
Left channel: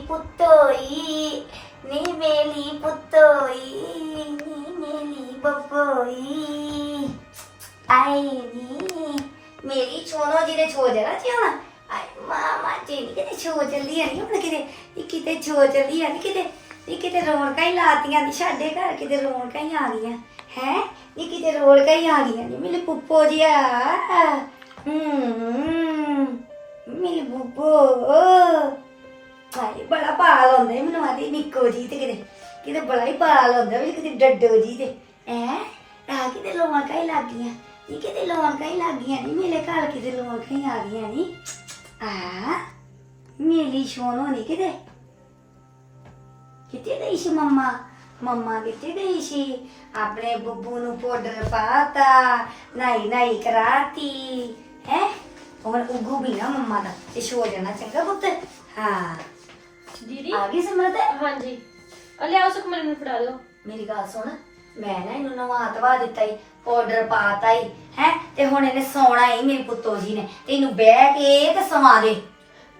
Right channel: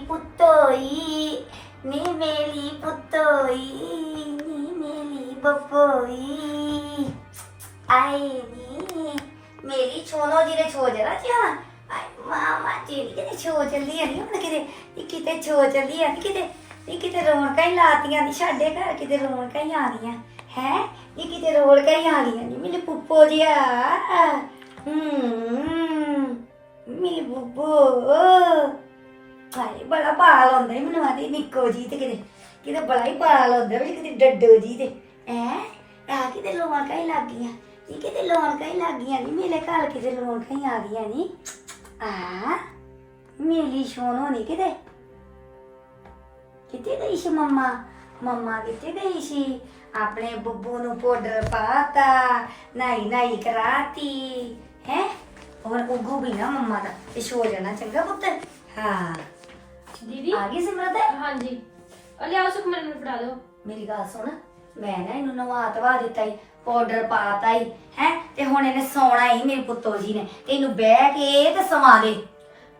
ਪੁੱਤੋਈ ਨੀ ਮੇਲੀ ਪੁੱਤੋਈ ਨੀ ਮੇਲੀ ਬੱਬੋਈ ਆਈ ਨੀ ਮੇਰੀ ਛੋਨੋ ਜੀ ਦੇ ਛੋ ਜਰਾ ਚਾਹ ਆਈ ਮਾਮਾ ਜੀ ਕਿਤੇ ਛੋ ਚੱਲੀ ਆ ਨਹੀਂ ਹੁਣ ਕਿਤੇ ਇਹ ਕਿਤੇ ਛੋ ਚੱਲੀ ਆ ਨੀ ਕਿਤੇ ਇਹ ਕਿਤੇ ਰੌਣਕਾਂ ਹੀ ਲਾਤੀਆਂ ਦੀ ਸਾਡੇ ਘਰ ਕਿਤੇ ਰੌਣਕਾਂ ਹੀ ਆ ਗਈਆਂ ਹੈ ਇਹ ਕਿਤੇ ਰੌਣਕਾਂ ਹੀ ਆ ਗਈਆਂ ਨਹੀਂ ਮੇਰੇ ਪੁੱਪੋ ਜਿਆ ਹੂੰ ਮੇਰੀ ਬੁੱਬੋ ਹਾਏ, ਬੜਾ ਬਾਲ ਆਉਂਦਾ ਈ ਮੈਨੂੰ ਆਦੀ ਨਿੱਕੋ ਜੀ ਤੇ ਕਿਤੇ ਕਿਤੇ ਬੜਾ ਹੀ ਬਾਲ ਹੁੰਦਾ ਵੀ ਕਿਤੇ ਡੱਡੋ ਜੀ ਤੇ। ਐ ਆ ਕਿਤੇ ਲੋਆਂ ਕਈ ਲੱਗ ਗਈਆਂ? ਇਹ ਕਿਤੇ ਲੋਨ ਕਈ ਲੱਗ ਗਈਆਂ? ਨਹੀਂ ਮੇਰੇ ਘਰ ਕਿਤੇ ਲੋਨ ਕਈ ਆ ਗਈਆਂ ਨਹੀਂ ਆ ਮੇਲੀ ਸ਼ੋਨ ਹੋਣੀ ਕਿਤੇ? ਕਿਤੇ ਗਈ ਸੀ ਮੰਮਾ? ਮੰਮਾ ਕਿਤੇ ਗਈ ਸੀ? ਆਪਣੇ ਬੱਬੂ ਨੂੰ ਪਾਊਡਰ ਪਾਤਾ, ਨਾਈ ਨਾਈ ਕਰਾਤੀ। ਹੈ? ਹੁਣ ਉਗੂ ਵੀ ਨਾ ਮੰਮਾ ਦਾ, ਇਹ ਸ਼ੋ ਜਾਣਾ ਚੰਗਾ ਪੁੱਤ। ਹਾਂ। ਦੀਦੀ? ਆ ਗਈ ਸਿਮਰਤ? ਹਾਂਜੀ। ਆ ਲਿਆਓ ਸੁਖਮਨ ਨੂੰ ਫੜਾ ਦਿਓ। ਮੇਰੀ ਗੱਲ ਸੁਣ ਮੈਂ ਨਾ ਇਹਨੂੰ ਨਵਾ ਤਵਾ ਦਿੱਤਾ ਹੀ ਪਾਊਡਰ ਪਾਤਾ ਹੀ ਹੈ? ਤੇ ਹੁਣ ਇਹਨੇ ਸੌਣਾ ਹੀ ਮੇਰੇ ਪੁੱਤੋ ਜੀ ਨੇ। ਤੇ ਇਹਨੂੰ ਬਹਿ ਕੇ ਤੇ ਸਵਾ ਦੇ।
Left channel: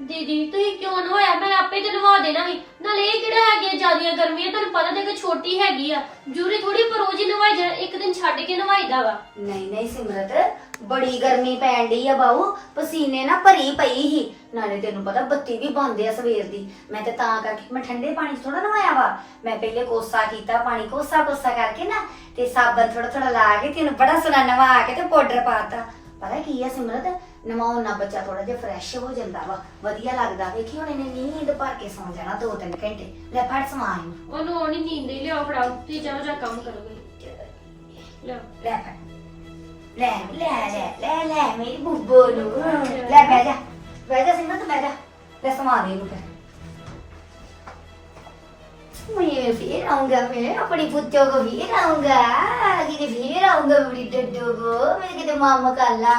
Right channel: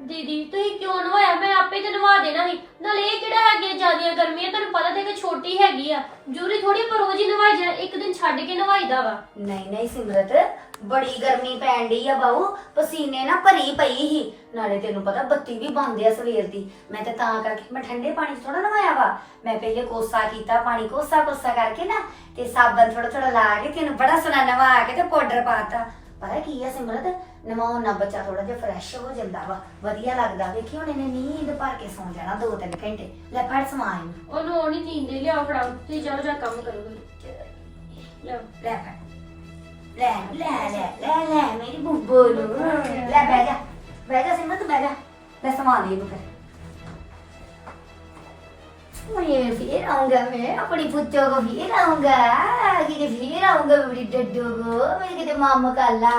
ਦੀਦੀ ਤੁਸੀਂ ਕਿਉਂ ਨਵਾਇਆ ਮੈਂ ਆਪੇ ਤੇ ਨਵਾ ਦੇਣਾ ਸੀ ਨਾਲੇ ਇਹ ਕਿਹੜਾ ਹੈਗੇ ਜਿਆਦੀਆਂ ਗਰਮੀਆਂ? ਤੁਹਾਨੂੰ ਪਤਾ ਤੇ ਕਿ ਛੋਟੀ ਹੈਗੀ ਆ। ਜੂਰੀ ਥੋੜੀ ਪਰ ਰੋਜ਼ ਹੀ ਨਵਾਈ ਜਾ ਇੱਕ ਦਿਨ ਛੱਡ ਕੇ ਨਵਾਈਦਾ ਵਾ। ਨਹੀਂ ਨਹੀਂ ਸਿਮਰਤ ਬੜੀ ਗਰਮੀ ਪੈਣ ਡਈ ਆ ਬਾਊ ਪਸੀਨੇ ਨਾ ਭਰੀ ਪਈ ਹੀ ਨਾਲੇ ਤੈਨੂੰ ਪਤਾ ਬੱਤੀ ਵੀ ਬੰਦ ਆ ਸਵੇਰ ਦੀ। ਮੈਂ ਤੇ ਤਾਂ ਕਰਕੇ ਮੈਂ ਠੰਡੇ ਪਾਣੀ 'ਚ ਥੋੜਾ ਨਵਾਇਆ ਵਾ। ਮੈਂ ਪਹਿਲੇ ਕੋਸਾ ਕੀਤਾ ਪਾਣੀ ਕੋਸਾ ਕੋਸਾ ਕਰਕੇ ਨਾ ਤੇ ਸਾਬਣ ਥੋੜਾ ਥੋੜਾ ਲਾ ਕੇ ਤੈਨੂੰ ਬੜਾ ਸੋਹਣਾ ਨਵਾ ਕੇ ਤੇ ਪਾਊਡਰ ਪਾਤਾ ਪਤਾ ਕੀ ਆ ਸਿਮਰਤ ਨਵਾਉਣ ਨਾਲ ਬੱਚਾ ਥੋੜਾ ਜਿਹਾ ਫਰੈਸ਼ ਹੋ ਜਾਂਦਾ ਵਾ। ਵਧੀਆ ਲੱਗਦਾ। ਵੇਖੀ ਹੁਣ ਇਹਨੇ ਨੀਂਦ ਭਰ ਕੇ ਸੌਂ ਜਾਣਾ 2-3 ਘੰਟੇ। ਲੈ ਫੜ ਸਮਾਂ ਇਹਨੂੰ। ਉਹਨੂੰ ਆਉਣੀ ਨੀਂਦ ਹੀ ਲਿਆਓ ਫੜਾਓ। ਤੁਸੀਂ ਚਲੋ ਜਾ ਕੰਮ ਕਰੋਗੇ ਲਿਆਓ ਲੈ ਫੜ। ਲੈ ਲੈ ਲੈ ਲੈ ਲੈ ਮੇਰੀ ਬੁੱਬੋ ਨੂੰ। ਲੈ, ਬਹਿ ਜਾ ਬਹਿ ਜਾ ਸਿਮਰਤ ਬਹਿ ਜਾ। ਲੈ ਸਮਾਨ ਦੇ ਇਹਨੂੰ ਫਿਰ। ਮੈਂ ਫਿਰ ਆਉਂਗਾ ਮੈਂ, ਆਪਣੀ ਪੁੱਤੋ ਕੋ ਫਿਰ ਆਉਂਗਾ ਕਿਤੇ ਫਿਰ ਆਉਂਗਾ ਮੇਰੀ ਡੱਡੂ ਕੋ ਮੇਰੇ ਕਿਤੇ ਮਾਮਾ ਕਾਲਾ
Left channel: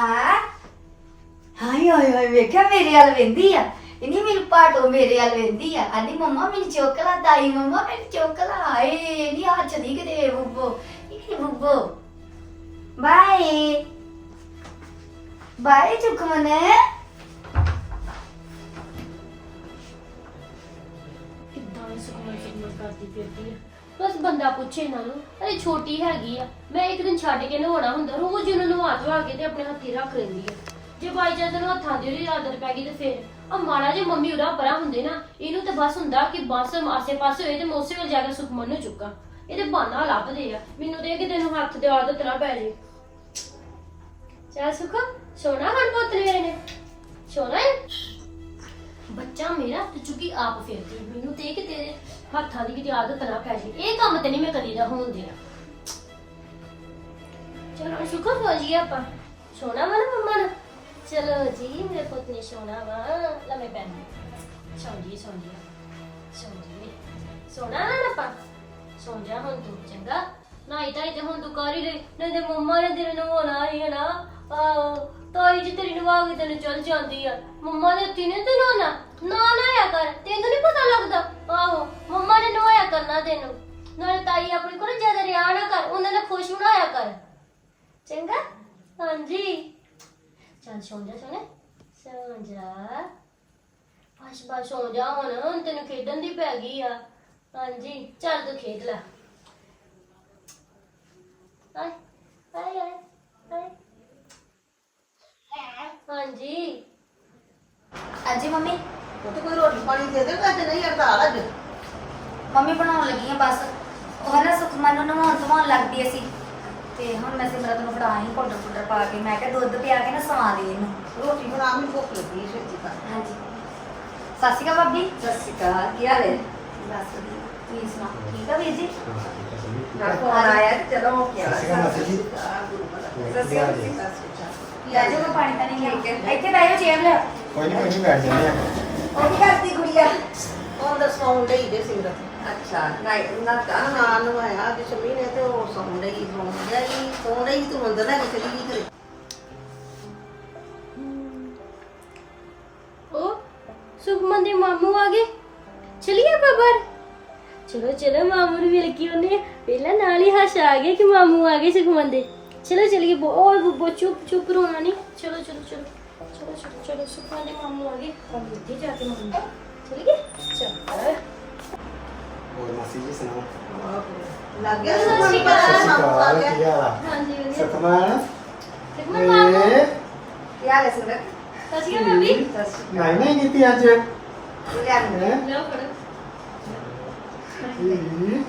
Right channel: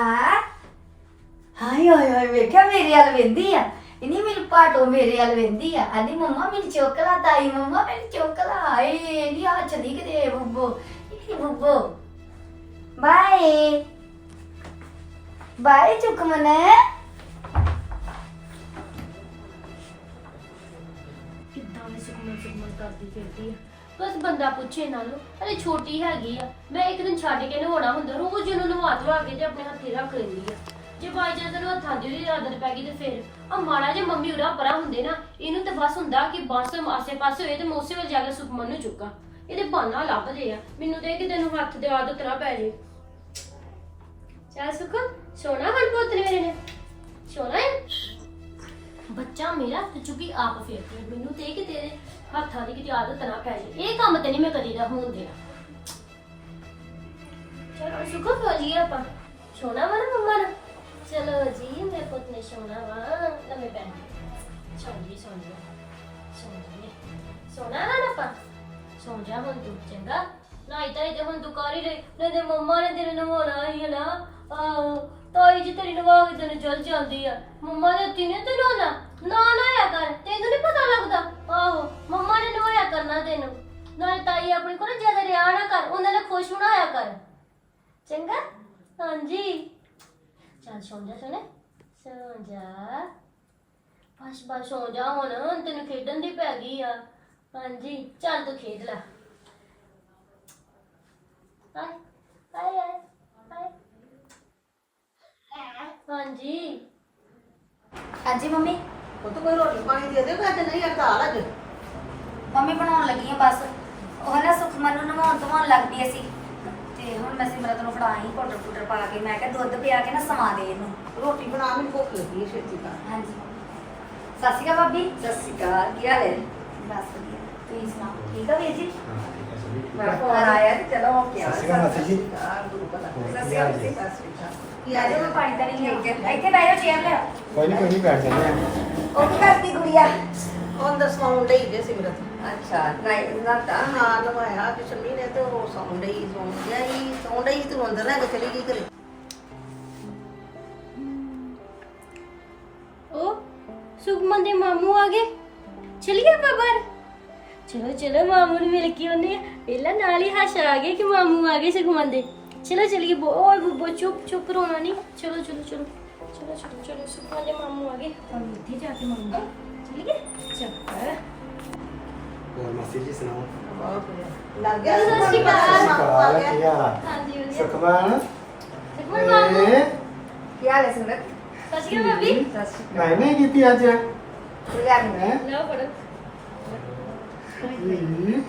ਹਾਏ ਹਾਏ ਹਾਏ, ਵੇਖਿਆ ਮੇਰੇ ਵੱਲ ਵੇਂਦੀ ਆ। ਇਨੀ ਮੇਰੀ ਪਾਟੋ ਮੇਰੇ ਵੱਲ ਵੇਂਦੀ ਆ। ਆਂਦੀ, ਮੰਮਾ, ਮੈਨੂੰ ਚੋਕਲਾ ਤਾਈ, ਮੰਮਾ, ਮੈਨੂੰ ਚੋਕਲਾ ਹਾਏ ਨਹੀਂ ਹੱਥ ਦੀ ਕਿਤੇ ਬੁੱਬੋ ਇਹ ਕਿਤੇ ਬੁੱਬੋ। ਬਾਏ। ਬਾਏ ਚੁਕਮਨੇ। ਕਿੱਦਾਂ ਮੈਂ ਸੁਖਮਨ ਸੁਖਮਨ ਕਰਦੀ ਫਿਰਦੀ ਆ? ਬਸ ਬੰਦਾ ਪੁੱਛੇ ਇਹਨਾਂ ਨੂੰ, ਅਰੇ ਛੋਟੀ ਹੈਗੀ ਆ, ਮੈਂ ਇੱਕ ਦਿਨ ਛੱਡ ਕੇ ਨਹਾਉਣਾ ਹੁੰਦਾ, ਰੋਜ਼ ਹੀ ਉਹਨੂੰ ਨਵਾ ਧਵਾ ਕੇ ਤੇ ਆਪਣੇ ਹੱਥੀ ਰੱਖ ਲੈਂਦੀ ਆ। ਜੇ ਬਾਈ ਚਾਂਸ ਨੂੰ ਹੱਥਾਂ ਦੀ ਉਹਦੀ ਆਦਤ ਪੈ ਗਈ ਤੇ ਫਿਰ ਆ ਮਾੜਾ ਜੇ ਮੰਮੀ ਉਰਾ ਪਰਾਂ ਹੁੰਦੇ ਨਾ, ਇਹਨੂੰ ਤੇ ਬਸ ਹੁੰਦਾ ਕਿ ਬਸ ਆਸੇ ਪਾਸੇ ਹੋਏ ਤੇ ਮੋਸੇ ਵੱਲ ਜਾ ਕੇ ਸੁਖਮਨ ਨੂੰ ਚੁੱਕਾਂ। ਇਹਦੇ ਬਹਾਨਾ ਲੱਭਦੇ ਆ, ਮੈਨੂੰ ਤੇ ਕਿਤੇ ਨੂੰ ਹੱਥ ਦੇ ਆਦਤ ਨਾ ਪੈ ਜੇ। ਚੱਲ ਸੁਖ ਸੋਣਾ ਹੁਣ ਪੁੱਤ ਨੇ ਮੇਰੇ ਨੇ। ਸੋਣਾ ਹੈ? ਬੱਚਾ ਮੇਰਾ ਤੇ ਚੁੱਕੀ ਆਪ ਫੇਰਦੀ ਹੈ। ਮੈਨੂੰ ਤੇ ਕਿ ਤੇਰੇ ਹੱਥਾਂ ਦੀ ਕਿਤੇ ਆਦਤ ਨਾ ਪੈ ਜੇ ਇਹ ਕੰਮ ਤੇ ਨਹੀਂ ਮੈਂ ਕਦੀ ਨਾ ਹੋਣ ਦੇਣਾ। ਚਲੋ ਸੁਖੋ, ਹੋ ਜੀ ਆਪਾਂ। ਸੋਣਾ ਵਾ ਨਾ ਮੰਮਾ ਨਾ ਚਲੋ ਜੀ, ਮੇਰੇ ਪੁੱਤ ਨੇ ਸੋਣਾ ਵਾ। ਲੰਮੇ ਪੈਣ ਸੌਂ ਜੀ ਸੌਂ ਜੀ ਸੌਂ ਜੀ ਸੋਣਾ ਨਾ ਆਪਾਂ? ਸੌਂ ਜਾ ਹੁਣ ਤੂੰ, ਚੰਗਾ। ਨਹੀਂ ਤਾਂ ਤੇ ਹੁਣ ਤੂੰ ਕਰ ਰਹੀ। ਨਹੀਂ ਤੇ ਮੰਮਾ ਨੇ ਤੇਰੇ ਨੂੰ ਹੋਣਾ ਹੀ ਹੈ ਨਾ ਆਹੋ, ਤਾਈ ਜੀ ਤੇਰੀ ਨਵਾ ਕੇ ਤੈਨੂੰ ਚਲ ਜਾਂਦੀ ਆ। ਮੰਮਾ ਨੇ ਤੈਨੂੰ ਨਾ ਨਾ ਨਾ ਆ ਕਰ, ਤੈਨੂੰ ਨਹੀਂ ਪਤਾ ਲੱਗਦਾ? ਆਹੋ, ਮੰਮਾ ਨੇ ਨਵਾਇਆ ਕਰਨਾ ਤੈਨੂੰ। ਨਾਲੇ ਤਾਈ ਆਪਣੀ ਕੋਲ ਜ਼ਿਆਦਾ ਰਿਆ ਨਾ ਕਰ, ਉਹਨਾਂ ਨੇ ਖੁਸ਼ ਹੋਣਾ ਕਰ। ਚੰਗਾ? ਹਾਂਜੀ। ਚੱਲ ਸੌਂ ਜਾ ਸੋਨੇ ਸੌਂ ਜਾ। ਬਸ ਬਸ ਸੌਂ ਜਾ ਹੁਣ ਹੁਣ ਤੈਨੂੰ ਖੇਡਣ ਦੀ ਪੈ ਗਈ ਆ। ਹਾਂਜੀ, ਚੱਲ ਤੂੰ ਖੇਡ ਲੈ। ਆਏ ਆਏ ਆਏ। ਹਾਂਜੀ। ਹਾਂਜੀ ਮੰਮੀ। ਉਹ ਤਾਂ ਕੋਈ ਰੋਟੀ ਪਾਣੀ ਦੇ ਦੇ ਤੇ ਨਹੀਂ ਹੜਤਾਲ ਅੱਜ। ਮੰਮੀ ਬਣਾਉਣ ਲੱਗੀ ਆ ਬਸ। ਉਹ ਨਾ ਸੁਖਮਨ ਨੂੰ ਨਵਾਉਣ ਧਵਾਉਣ ਲੱਗਦੀ ਅਸੀਂ। ਤੇ ਹੁਣ ਮੈਂ ਸਿਮਰਤ ਨੂੰ ਫੜਾਈ ਪਾਊਡਰ ਪੂਡਰ ਪਾ ਕੇ। ਮੈਂ ਕਿਹਾ ਦੁੱਧ ਪਿਆ ਕੇ ਨਾ ਸਵਾ ਦੇ ਇਹਨੂੰ। ਰੋਟੀ ਬਣਾ ਮੈਨੂੰ ਭੁੱਖ ਲੱਗੀ ਹੈ ਛੇਤੀ ਕਰ ਹਾਂਜੀ। ਸਤਿ ਸ਼੍ਰੀ ਅਕਾਲ ਭਾਬੀ। ਸਤਿ ਸ਼੍ਰੀ ਅਕਾਲ ਕੀ ਹਾਲ ਹੈ? ਬਸ ਵਧੀਆ। ਤੁਸੀਂ ਸੁਣਾਓ ਠੀਕ ਆ ਵੀਰ ਜੀ? ਮੈਂ ਫੋਨ ਆਇਆ ਤੇ ਚਲੋ ਹੋ ਕੇ ਸਤਿ ਸ਼੍ਰੀ ਅਕਾਲ ਮਾਸੀ ਜੀ। ਗੁਰੂ ਪਤਾ। ਹੋਰ ਕੀ ਹਾਲ ਜੀ? ਲੈ ਜਾ ਮੈਂ ਪਾਣੀ ਤਾਂ ਨਹੀਂ ਲਿਆ ਇੱਥੇ ਬਹਿ ਜਾਓ ਚੇਅਰ ਲੈ ਕੋਈ ਨਹੀਂ ਕੋਈ ਨਹੀਂ ਬੈਠ ਜਾਂਦੇ ਆ। ਉਹ ਕੀ ਕਰਦੀ ਗੁੜੀਆ ਉਹ ਦਸਵਾਉਂ ਲਈ ਜੇ ਸਿਮਰਤ। ਅੱਛਾ ਨਹੀਂ ਨਾ ਤਾਂ ਨਾ ਨਵਾਇਆ ਕਿ ਸ਼ਮੀ ਨੇ ਤੇ ਉਹ ਸੌਂ ਲਈ ਸੌਂ ਗਿਆ ਹੀ ਸੌਂ ਲਈ ਤੇ ਅੰਦਰ ਲੈ ਕੇ ਚਲੀ ਗਈ ਘਰੇ। ਸੁਖਮਨ ਦੇ ਮਾਮੂ ਆ ਗਏ? ਚਲਿਏ ਬਾਬਰ ਚਲੋ ਚਲੋ ਮਾਮੂ ਨੂੰ ਮਿਲ ਕੇ ਆਉਂਦੇ ਆ। ਪਹਿਲਾਂ ਨਾਲ ਹੀ ਹੱਸ ਆ ਗਏ ਕਿ ਮਾਮੂ ਆ ਗਏ ਸੁਖਮਨ ਦੇ? ਚਲੋ ਚਲਿਏ ਬੋ ਓਏ ਬੁੱਬੋ ਚੁੱਪ ਚੁੱਪ ਰੋਣਾ ਨਹੀਂ ਚਲੋ ਚਲੋ ਚਲੋ ਚਲੋ ਚਲੋ ਚਲੋ ਸੁਖਮਨ ਦੇ ਮਾਮੂ ਆ ਗਏ ਹੁਣ ਇੱਥੇ ਜਾ ਕੇ ਮਾਮੂ ਚਲਿਏ ਚਲੋ ਹੋਰ ਮਾਸੀ ਜੀ ਸੁਣਾਓ ਲੱਗ ਗਿਆ ਸਤਿ ਸ਼੍ਰੀ ਅਕਾਲ। ਸਤਿ ਸ਼੍ਰੀ ਅਕਾਲ ਕੀ ਹਾਲ ਆ ਹਾਂਜੀ ਵਧੀਆ ਸੁਖਮਨ ਸੁਖਮਨ ਮਾਮੂ ਏ ਕੀ ਹਾਲ ਹੈ ਸੁਰਤ ਸਤਿ ਸ਼੍ਰੀ ਅਕਾਲ ਭਾਬੀ ਸਤਿ ਸ਼੍ਰੀ ਮੈਂ ਨਹੀਂ ਕੀਤੀ ਅੱਜ ਅਕਾਲ ਲਿਆ ਨੂੰ ਹੈਂ? ਲਓ ਫੜੋ ਈ।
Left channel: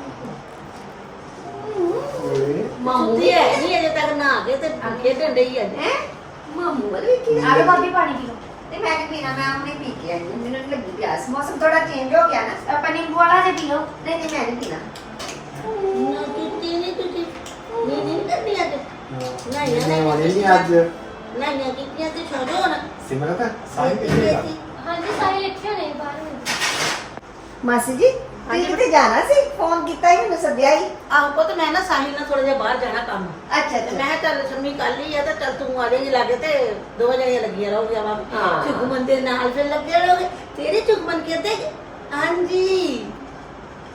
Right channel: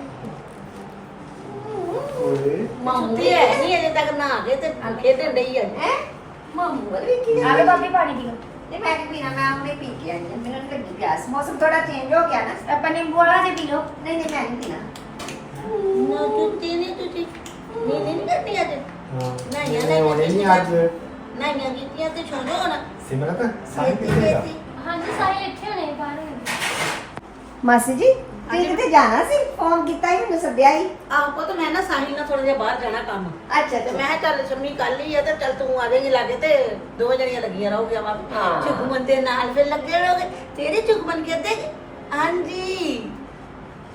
ਓਏ ਮਾਮੂ ਤੇ ਹੈ। ਨਹੀਂ ਅਜੇ ਤੱਕ ਨਾ ਗਏ ਤੇ ਖੇਡਣ ਡਈ ਆ। ਹੈ? ਮਾਮੂ ਵੱਲ ਵੀ ਕੀ? ਆ ਕੇ ਭਾਬੀ ਪਾਣੀ ਪੀ ਲਓ ਤੇ ਮੈਂ ਕਿ ਪੀਣਾ ਮੈਂ ਆਪਣੇ ਪੀ ਕੇ ਆਈ। ਹਾਂ। ਮੈਨੂੰ ਤਾਂ ਲੱਗੀ ਪਿਆਸ। ਮੌਸਮ ਥੋੜਾ ਚੇਂਜ ਹੋ ਗਿਆ ਨਾ। ਆਪਾਂ ਨਿੰਬੂ ਵਾਲਾ ਜੇ ਪੀ ਲਓ ਨਹੀਂ ਨਹੀਂ ਮੈਂ ਨਹੀਂ ਪੀਣਾ। ਨਾ ਤੁਸੀਂ ਨਹੀਂ ਤੁਸੀਂ। ਨਹੀਂ ਨਹੀਂ ਕਰਨੀ ਅੱਜ। ਨਹੀਂ, ਨਹੀਂ ਨਹੀਂ, ਹੋਣੀ ਨਹੀਂ ਅੱਜ। ਨਹੀਂ ਨਹੀਂ ਕੀਤੀਆਂ ਤੇ ਛੋੜੋ ਨਾ ਸਿਮਰਤ ਸਾਹਿਬ ਕਿੱਥੇ ਗਿਆ ਹਾਂਜੀ ਸਾਰੇ ਇੱਥੇ ਨੇ ਬਾਹਰ ਨੇ। ਮਾਸੀ ਜੀ? ਤੁਸੀਂ ਕਿਤੇ ਜਾਣਾ ਸੀ? ਫੋਨ ਕੀਤਾ ਹੀ ਮੈਨੂੰ ਸੱਦਿਆ ਹੀ ਆਹ ਪੁੱਤ ਮੈਂ ਨਾ ਸਾਹਿਲ ਨਾਲ ਥੋੜਾ ਜਿਹਾ ਬਾਹਰ ਜਾਣਾ ਕੰਮ। ਅੱਛਾ ਤੇ ਅੱਛਾ। ਮੈਂ ਕਿਹਾ ਚੱਲ ਸ਼ੰਮੀ ਕੱਲ ਹੀ ਆ ਤੇ ਚੱਲ ਤੂੰ ਆ ਜਾਏਂਗੀ ਲਾਗੇ ਤੇ ਦੋ ਜਣੀਆਂ ਲੱਗੀਆਂ ਰਹੋਗੀਆਂ ਵਾ ਹਾਂ। ਚੁਗਮਨ ਦੇ ਨਾਲ ਫਿਰ ਲੱਗੇ ਰਹੋਗੇ। ਤੇਰੀ ਚੁਗਮਨ ਕਹਿੰਦੇ ਹਾਂਜੀ।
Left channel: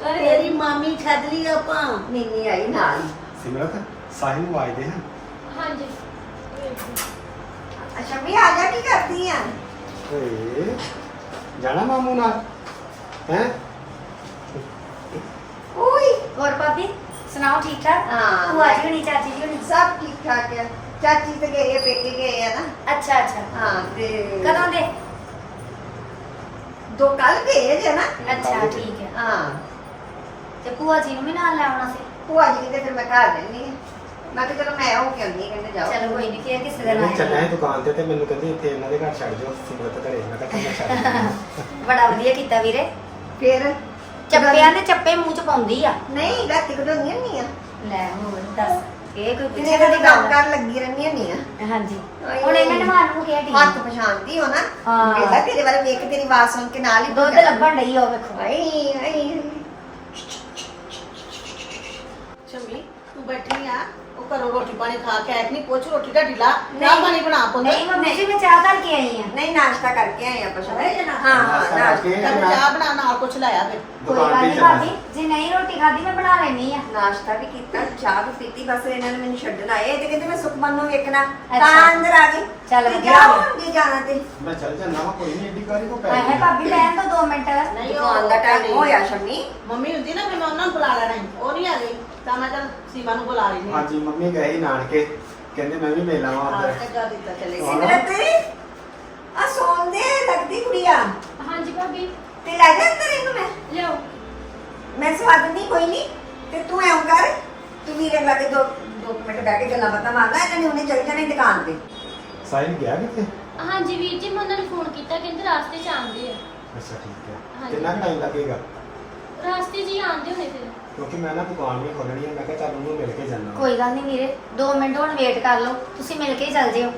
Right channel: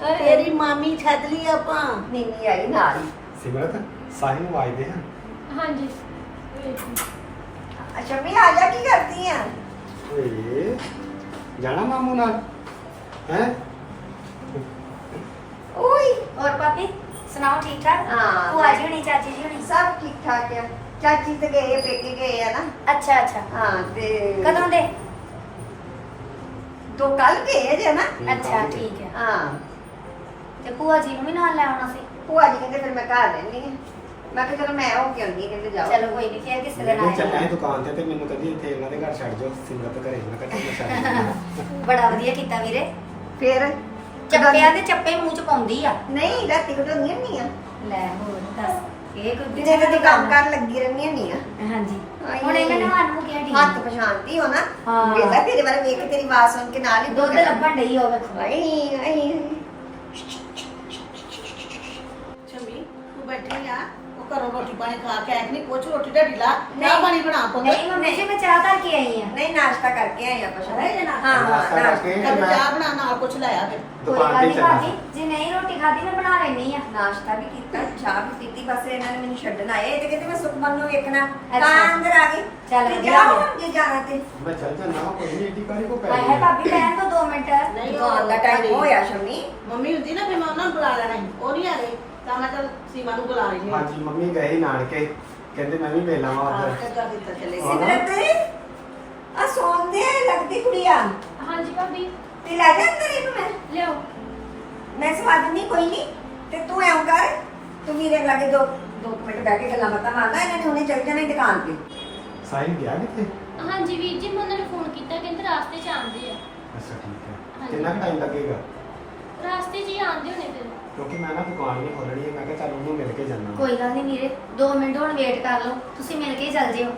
ਤੇਰੀ ਮਾਮੀ ਛੱਡ ਲਈ ਆਪਾਂ। ਨਹੀਂ ਨਹੀਂ ਆਈ ਨਾਲ ਹੀ। ਸਿਮਰਤ ਸਾਹਿਲ ਨੂੰ ਆਵਾਜ਼ ਦੇ ਹਾਂ। ਹਾਂਜੀ। ਅੱਛਾ ਮੈਂ ਆ ਜਾ ਕੀ ਕਰਦੀ ਆ? ਓਏ ਜਾਣਾ ਮਾਮੂ ਨਾਲ? ਹੈ? ਓਏ ਹੋਰ ਭਾਬੀ ਸੁਣਾਓ ਠੀਕ ਠਾਕ? ਹਾਂ। ਭੂਆ ਜੀ ਹੋਣੀ ਚਾਚੀ ਜੀ ਹੋਣੀ? ਸਭ ਠੀਕ ਠਾਕ ਹੈ ਚਾਚੀ ਤੇ ਗਏ ਆ, ਪੇਕੇ ਗਏ ਆ ਨਾ। ਅੱਛਾ ਅੱਛਾ। ਹਾਂ ਤੇ ਕਦੋਂ ਦੇ? ਦੋ ਕੱਲ ਗਏ ਜੇ ਨਾ। ਅੱਛਾ ਠੀਕ ਹੈ ਹਾਂ। ਤੇ ਭੂਆ ਜੀ ਨੂੰ ਵੀ ਨਾਲ ਲੈ ਆਉਣਾ ਸੀ? ਭੂਆ ਜੀ ਕਹਿੰਦੇ ਫਿਰ ਮੈਂ ਘਰ ਰਹਿਣੀ ਹੈ ਮੈਂ ਕਿਹਾ ਚਲੋ ਮੈਂ ਹੋ ਕੇ ਆਉਂਦੀ ਕਹਿੰਦੇ ਜਾਓ। ਚਲੋ ਕੋਈ ਨਹੀਂ ਫੇਰ ਕਿਸੇ ਦਿਨ ਮੈਂ ਚੱਲਿਆ ਆਏ ਸੀ ਦੁਕਾਨ ਤੇ ਤੇ ਮੈਨੂੰ ਕਹਿੰਦੀ ਇੱਥੇ ਇਹਨਾਂ ਦੇ ਘਰ ਛੱਡ ਜਾਓ ਸਿਮਰਤ ਘਰੇ। ਮੈਂ ਕਿਹਾ ਚੱਲ ਮੈਂ ਛੱਡ ਦਿੰਦੀ ਬੜਾ ਵਧੀਆ ਕੀਤਾ ਵੀਰੇ। ਫਿਰ? ਚੱਪਿਆਂ ਦੇ ਚੱਪੇ ਮੂੰਹ ਚ ਪਾਉਂਦੀ ਆ। ਨਹੀਂ ਰਾਤੀ ਕਢਾਉਣੀਆਂ ਨਹੀਂ ਆ। ਲੈ ਹੁਣ ਦੱਸ ਇਹ ਕੋਈ ਦਿਨੇ ਤੇ ਤੂੰ ਕੰਮ ਕਰ ਲੱਗੀ ਰਹਿੰਦੀ ਹੁੰਦੀ ਆ ਹਾਂਜੀ। ਹੁਣ ਇਹਨਾਂ ਨੇ ਮਾਰ ਨੂੰ ਕਿਹਾ ਹੱਥ ਠੀਕ ਪਛਾਣਦੀ ਹੋ ਨਾ ਹਾਂ। ਵੇਲਾ ਤੇਰੇ ਵੱਲ ਵੇਖ ਤੇਰੀ ਆਵਾਜ਼ ਸੁਣ ਕੇ ਨਾਲ ਹੀ ਦੁੱਧ ਲੱਭਣ ਡਈ ਹੋ ਵੇਖੋ। ਆਈ ਆਈ ਸ਼ੰਮੀ ਤੂੰ ਬੈਠੀ ਆ। ਉਹ ਘਰੋਂ ਰੋਟੀ ਪਾਣੀ ਖਾ ਕੇ ਆਈ ਨਹੀਂ? ਕੁਛ ਰੋਟੀ ਦਾ ਢਿਲਾ। ਨਾ ਨਹੀਂ। ਪਾਣੀ ਬਣਾ ਪੁੱਤ। ਨਹੀਂ ਮੰਮੀ ਜੀ ਮੈਂ ਚਾਹ ਧਰ ਕੇ ਆਈ ਆ। ਨਹੀਂ ਨਾਸ਼ਤਾ ਕਰਕੇ ਆਏ ਅਰੇ ਨਾ ਹਾਂ ਹਾਂ ਨਾਸ਼ਤਾ ਚੱਲ ਚਾਹ ਬਣਾ ਨਾਲ ਕੁਛ ਲਾਇਆ ਫਿਰ। ਕੋਈ ਦੁਕਾਨ ਗੱਲ ਤੇ ਨਹੀਂ ਭਾਬੀ ਜੇ ਨਹੀਂ ਰੋਟੀ ਖਾਦੀ ਮੈਂ ਬਣਾ ਲੈਣੀ ਆ। ਨਾਸ਼ਤਾ ਵੀ ਕੀਤਾ ਚਾਹ ਵੀ ਪੀਤੀ ਬਸ ਇਹਨਾਂ ਨੇ ਮੈਨੂੰ ਛੱਡਣ ਆਏ। ਇਹ ਤੇ ਕਹਿੰਦੇ ਮੈਂ ਸੁਖਮਨ ਨੂੰ ਵੇਖਣਾ ਤਾਂ। ਅੰਦਰ ਆ ਗਏ ਚੱਲ ਤੇ ਹੋ ਜੇ ਜਾਣਾ ਤੇ। ਮੈਂ ਚੱਲ ਜਾਣਾ ਕੋਈ ਨਹੀਂ ਏਡੀ ਕਾਰੀ ਕੋ ਪੈ ਗਈ ਭਾਬੀ ਰਹਿਣ ਦੋ 2 ਮਿੰਟ। ਨਹੀਂ ਉਹ ਦੁਕਾਨ ਦਾ ਟਾਈਮ ਹੋਇਆ ਸ਼ਮੀ। ਮੰਮੀ ਹੁੰਦੀ ਨਾ ਮੈਂ ਉਹਨਾਂ ਨੂੰ ਬੁਲਾ ਲੈਣਾ ਉਹ ਨਹੀਂ ਆ ਗਈ ਤਾਂ ਮੈਂ ਚੱਲ ਸੀਮਾ ਨੂੰ ਬੁਲਾ ਲਈ ਹਾਂਜੀ ਮੰਮੀ ਗਏ ਸੀ ਨਾਨਕੇ। ਕਹਿੰਦੇ ਮੈਂ ਵੀ ਮਿਲ ਆਵਾਂ ਹਾਂ ਉੱਧਰ। ਚੰਗਾ ਦਿੱਤਾ ਚਲੇ ਗਏ ਹਾਂ। ਸਿਮਰਤ ਆ ਸੌਂਦੇ ਲੱਗਦੀ ਕੁੜੀਆ। ਹਾਂਜੀ ਭਾਬੀ। ਤੇ ਲੈ ਜਾ ਅੰਦਰ ਇਹਨੂੰ ਮੈਂ। ਲਿਓ ਮੈਂ ਸਵਾਦ ਨਹੀਂ ਕੋਈ ਨਹੀਂ ਤੇ ਤੂੰ ਐਂ ਕਰ ਤੂੰ ਵੀਰੇ ਲਾਗੇ ਦੋ ਦੋ ਕੁ ਮਿੰਟ ਬਹਿ ਕੇ ਗੱਲਾਂ ਬਾਤਾਂ ਮਾਰਨਾ ਇਹਨਾਂ ਨੇ ਹੁਣੇ ਚੱਲ ਜਾਣਾ ਸੀ ਦੁਕਾਨ ਤੇ। ਸਾਹਿਲ ਗਿਆ ਕਿੱਥੇ? ਹਾਂਜੀ ਵੀਰ ਜੀ ਮੈਂ ਉਹਨਾਂ ਨੂੰ ਫੋਨ ਕੀਤਾ ਕਹਿੰਦੇ ਰਾਸਤੇ 'ਚ ਆਉਂਦੇ ਆ। ਅੱਛਾ ਠੀਕ ਹੈ ਹਾਂਜੀ। ਕਿੰਨਾ ਟਾਈਮ ਲੱਗੇਗਾ? ਰਾਸਤੇ ਹੀ ਆਉਂਦੇ ਹੋਣੇ ਫਿਰ। ਕਿਉਂਕਿ ਮੈਂ ਨਾ ਦੁਕਾਨ ਵੀ ਖੋਲਣੀ ਹੈ ਮੈਂ ਕਿਹਾ ਚੱਲ ਉਹਨੂੰ ਮਿਲ ਕੇ ਜਾਣਾ ਕੋਈ ਗੱਲ ਨਹੀਂ ਵੀਰੇ 2 ਮਿੰਟ ਹੁਣ ਵੇਟ ਕਰ ਲਓ ਤੁਸੀਂ ਮਿਲ ਕੇ ਹੀ ਚੱਲ ਜਿਓ।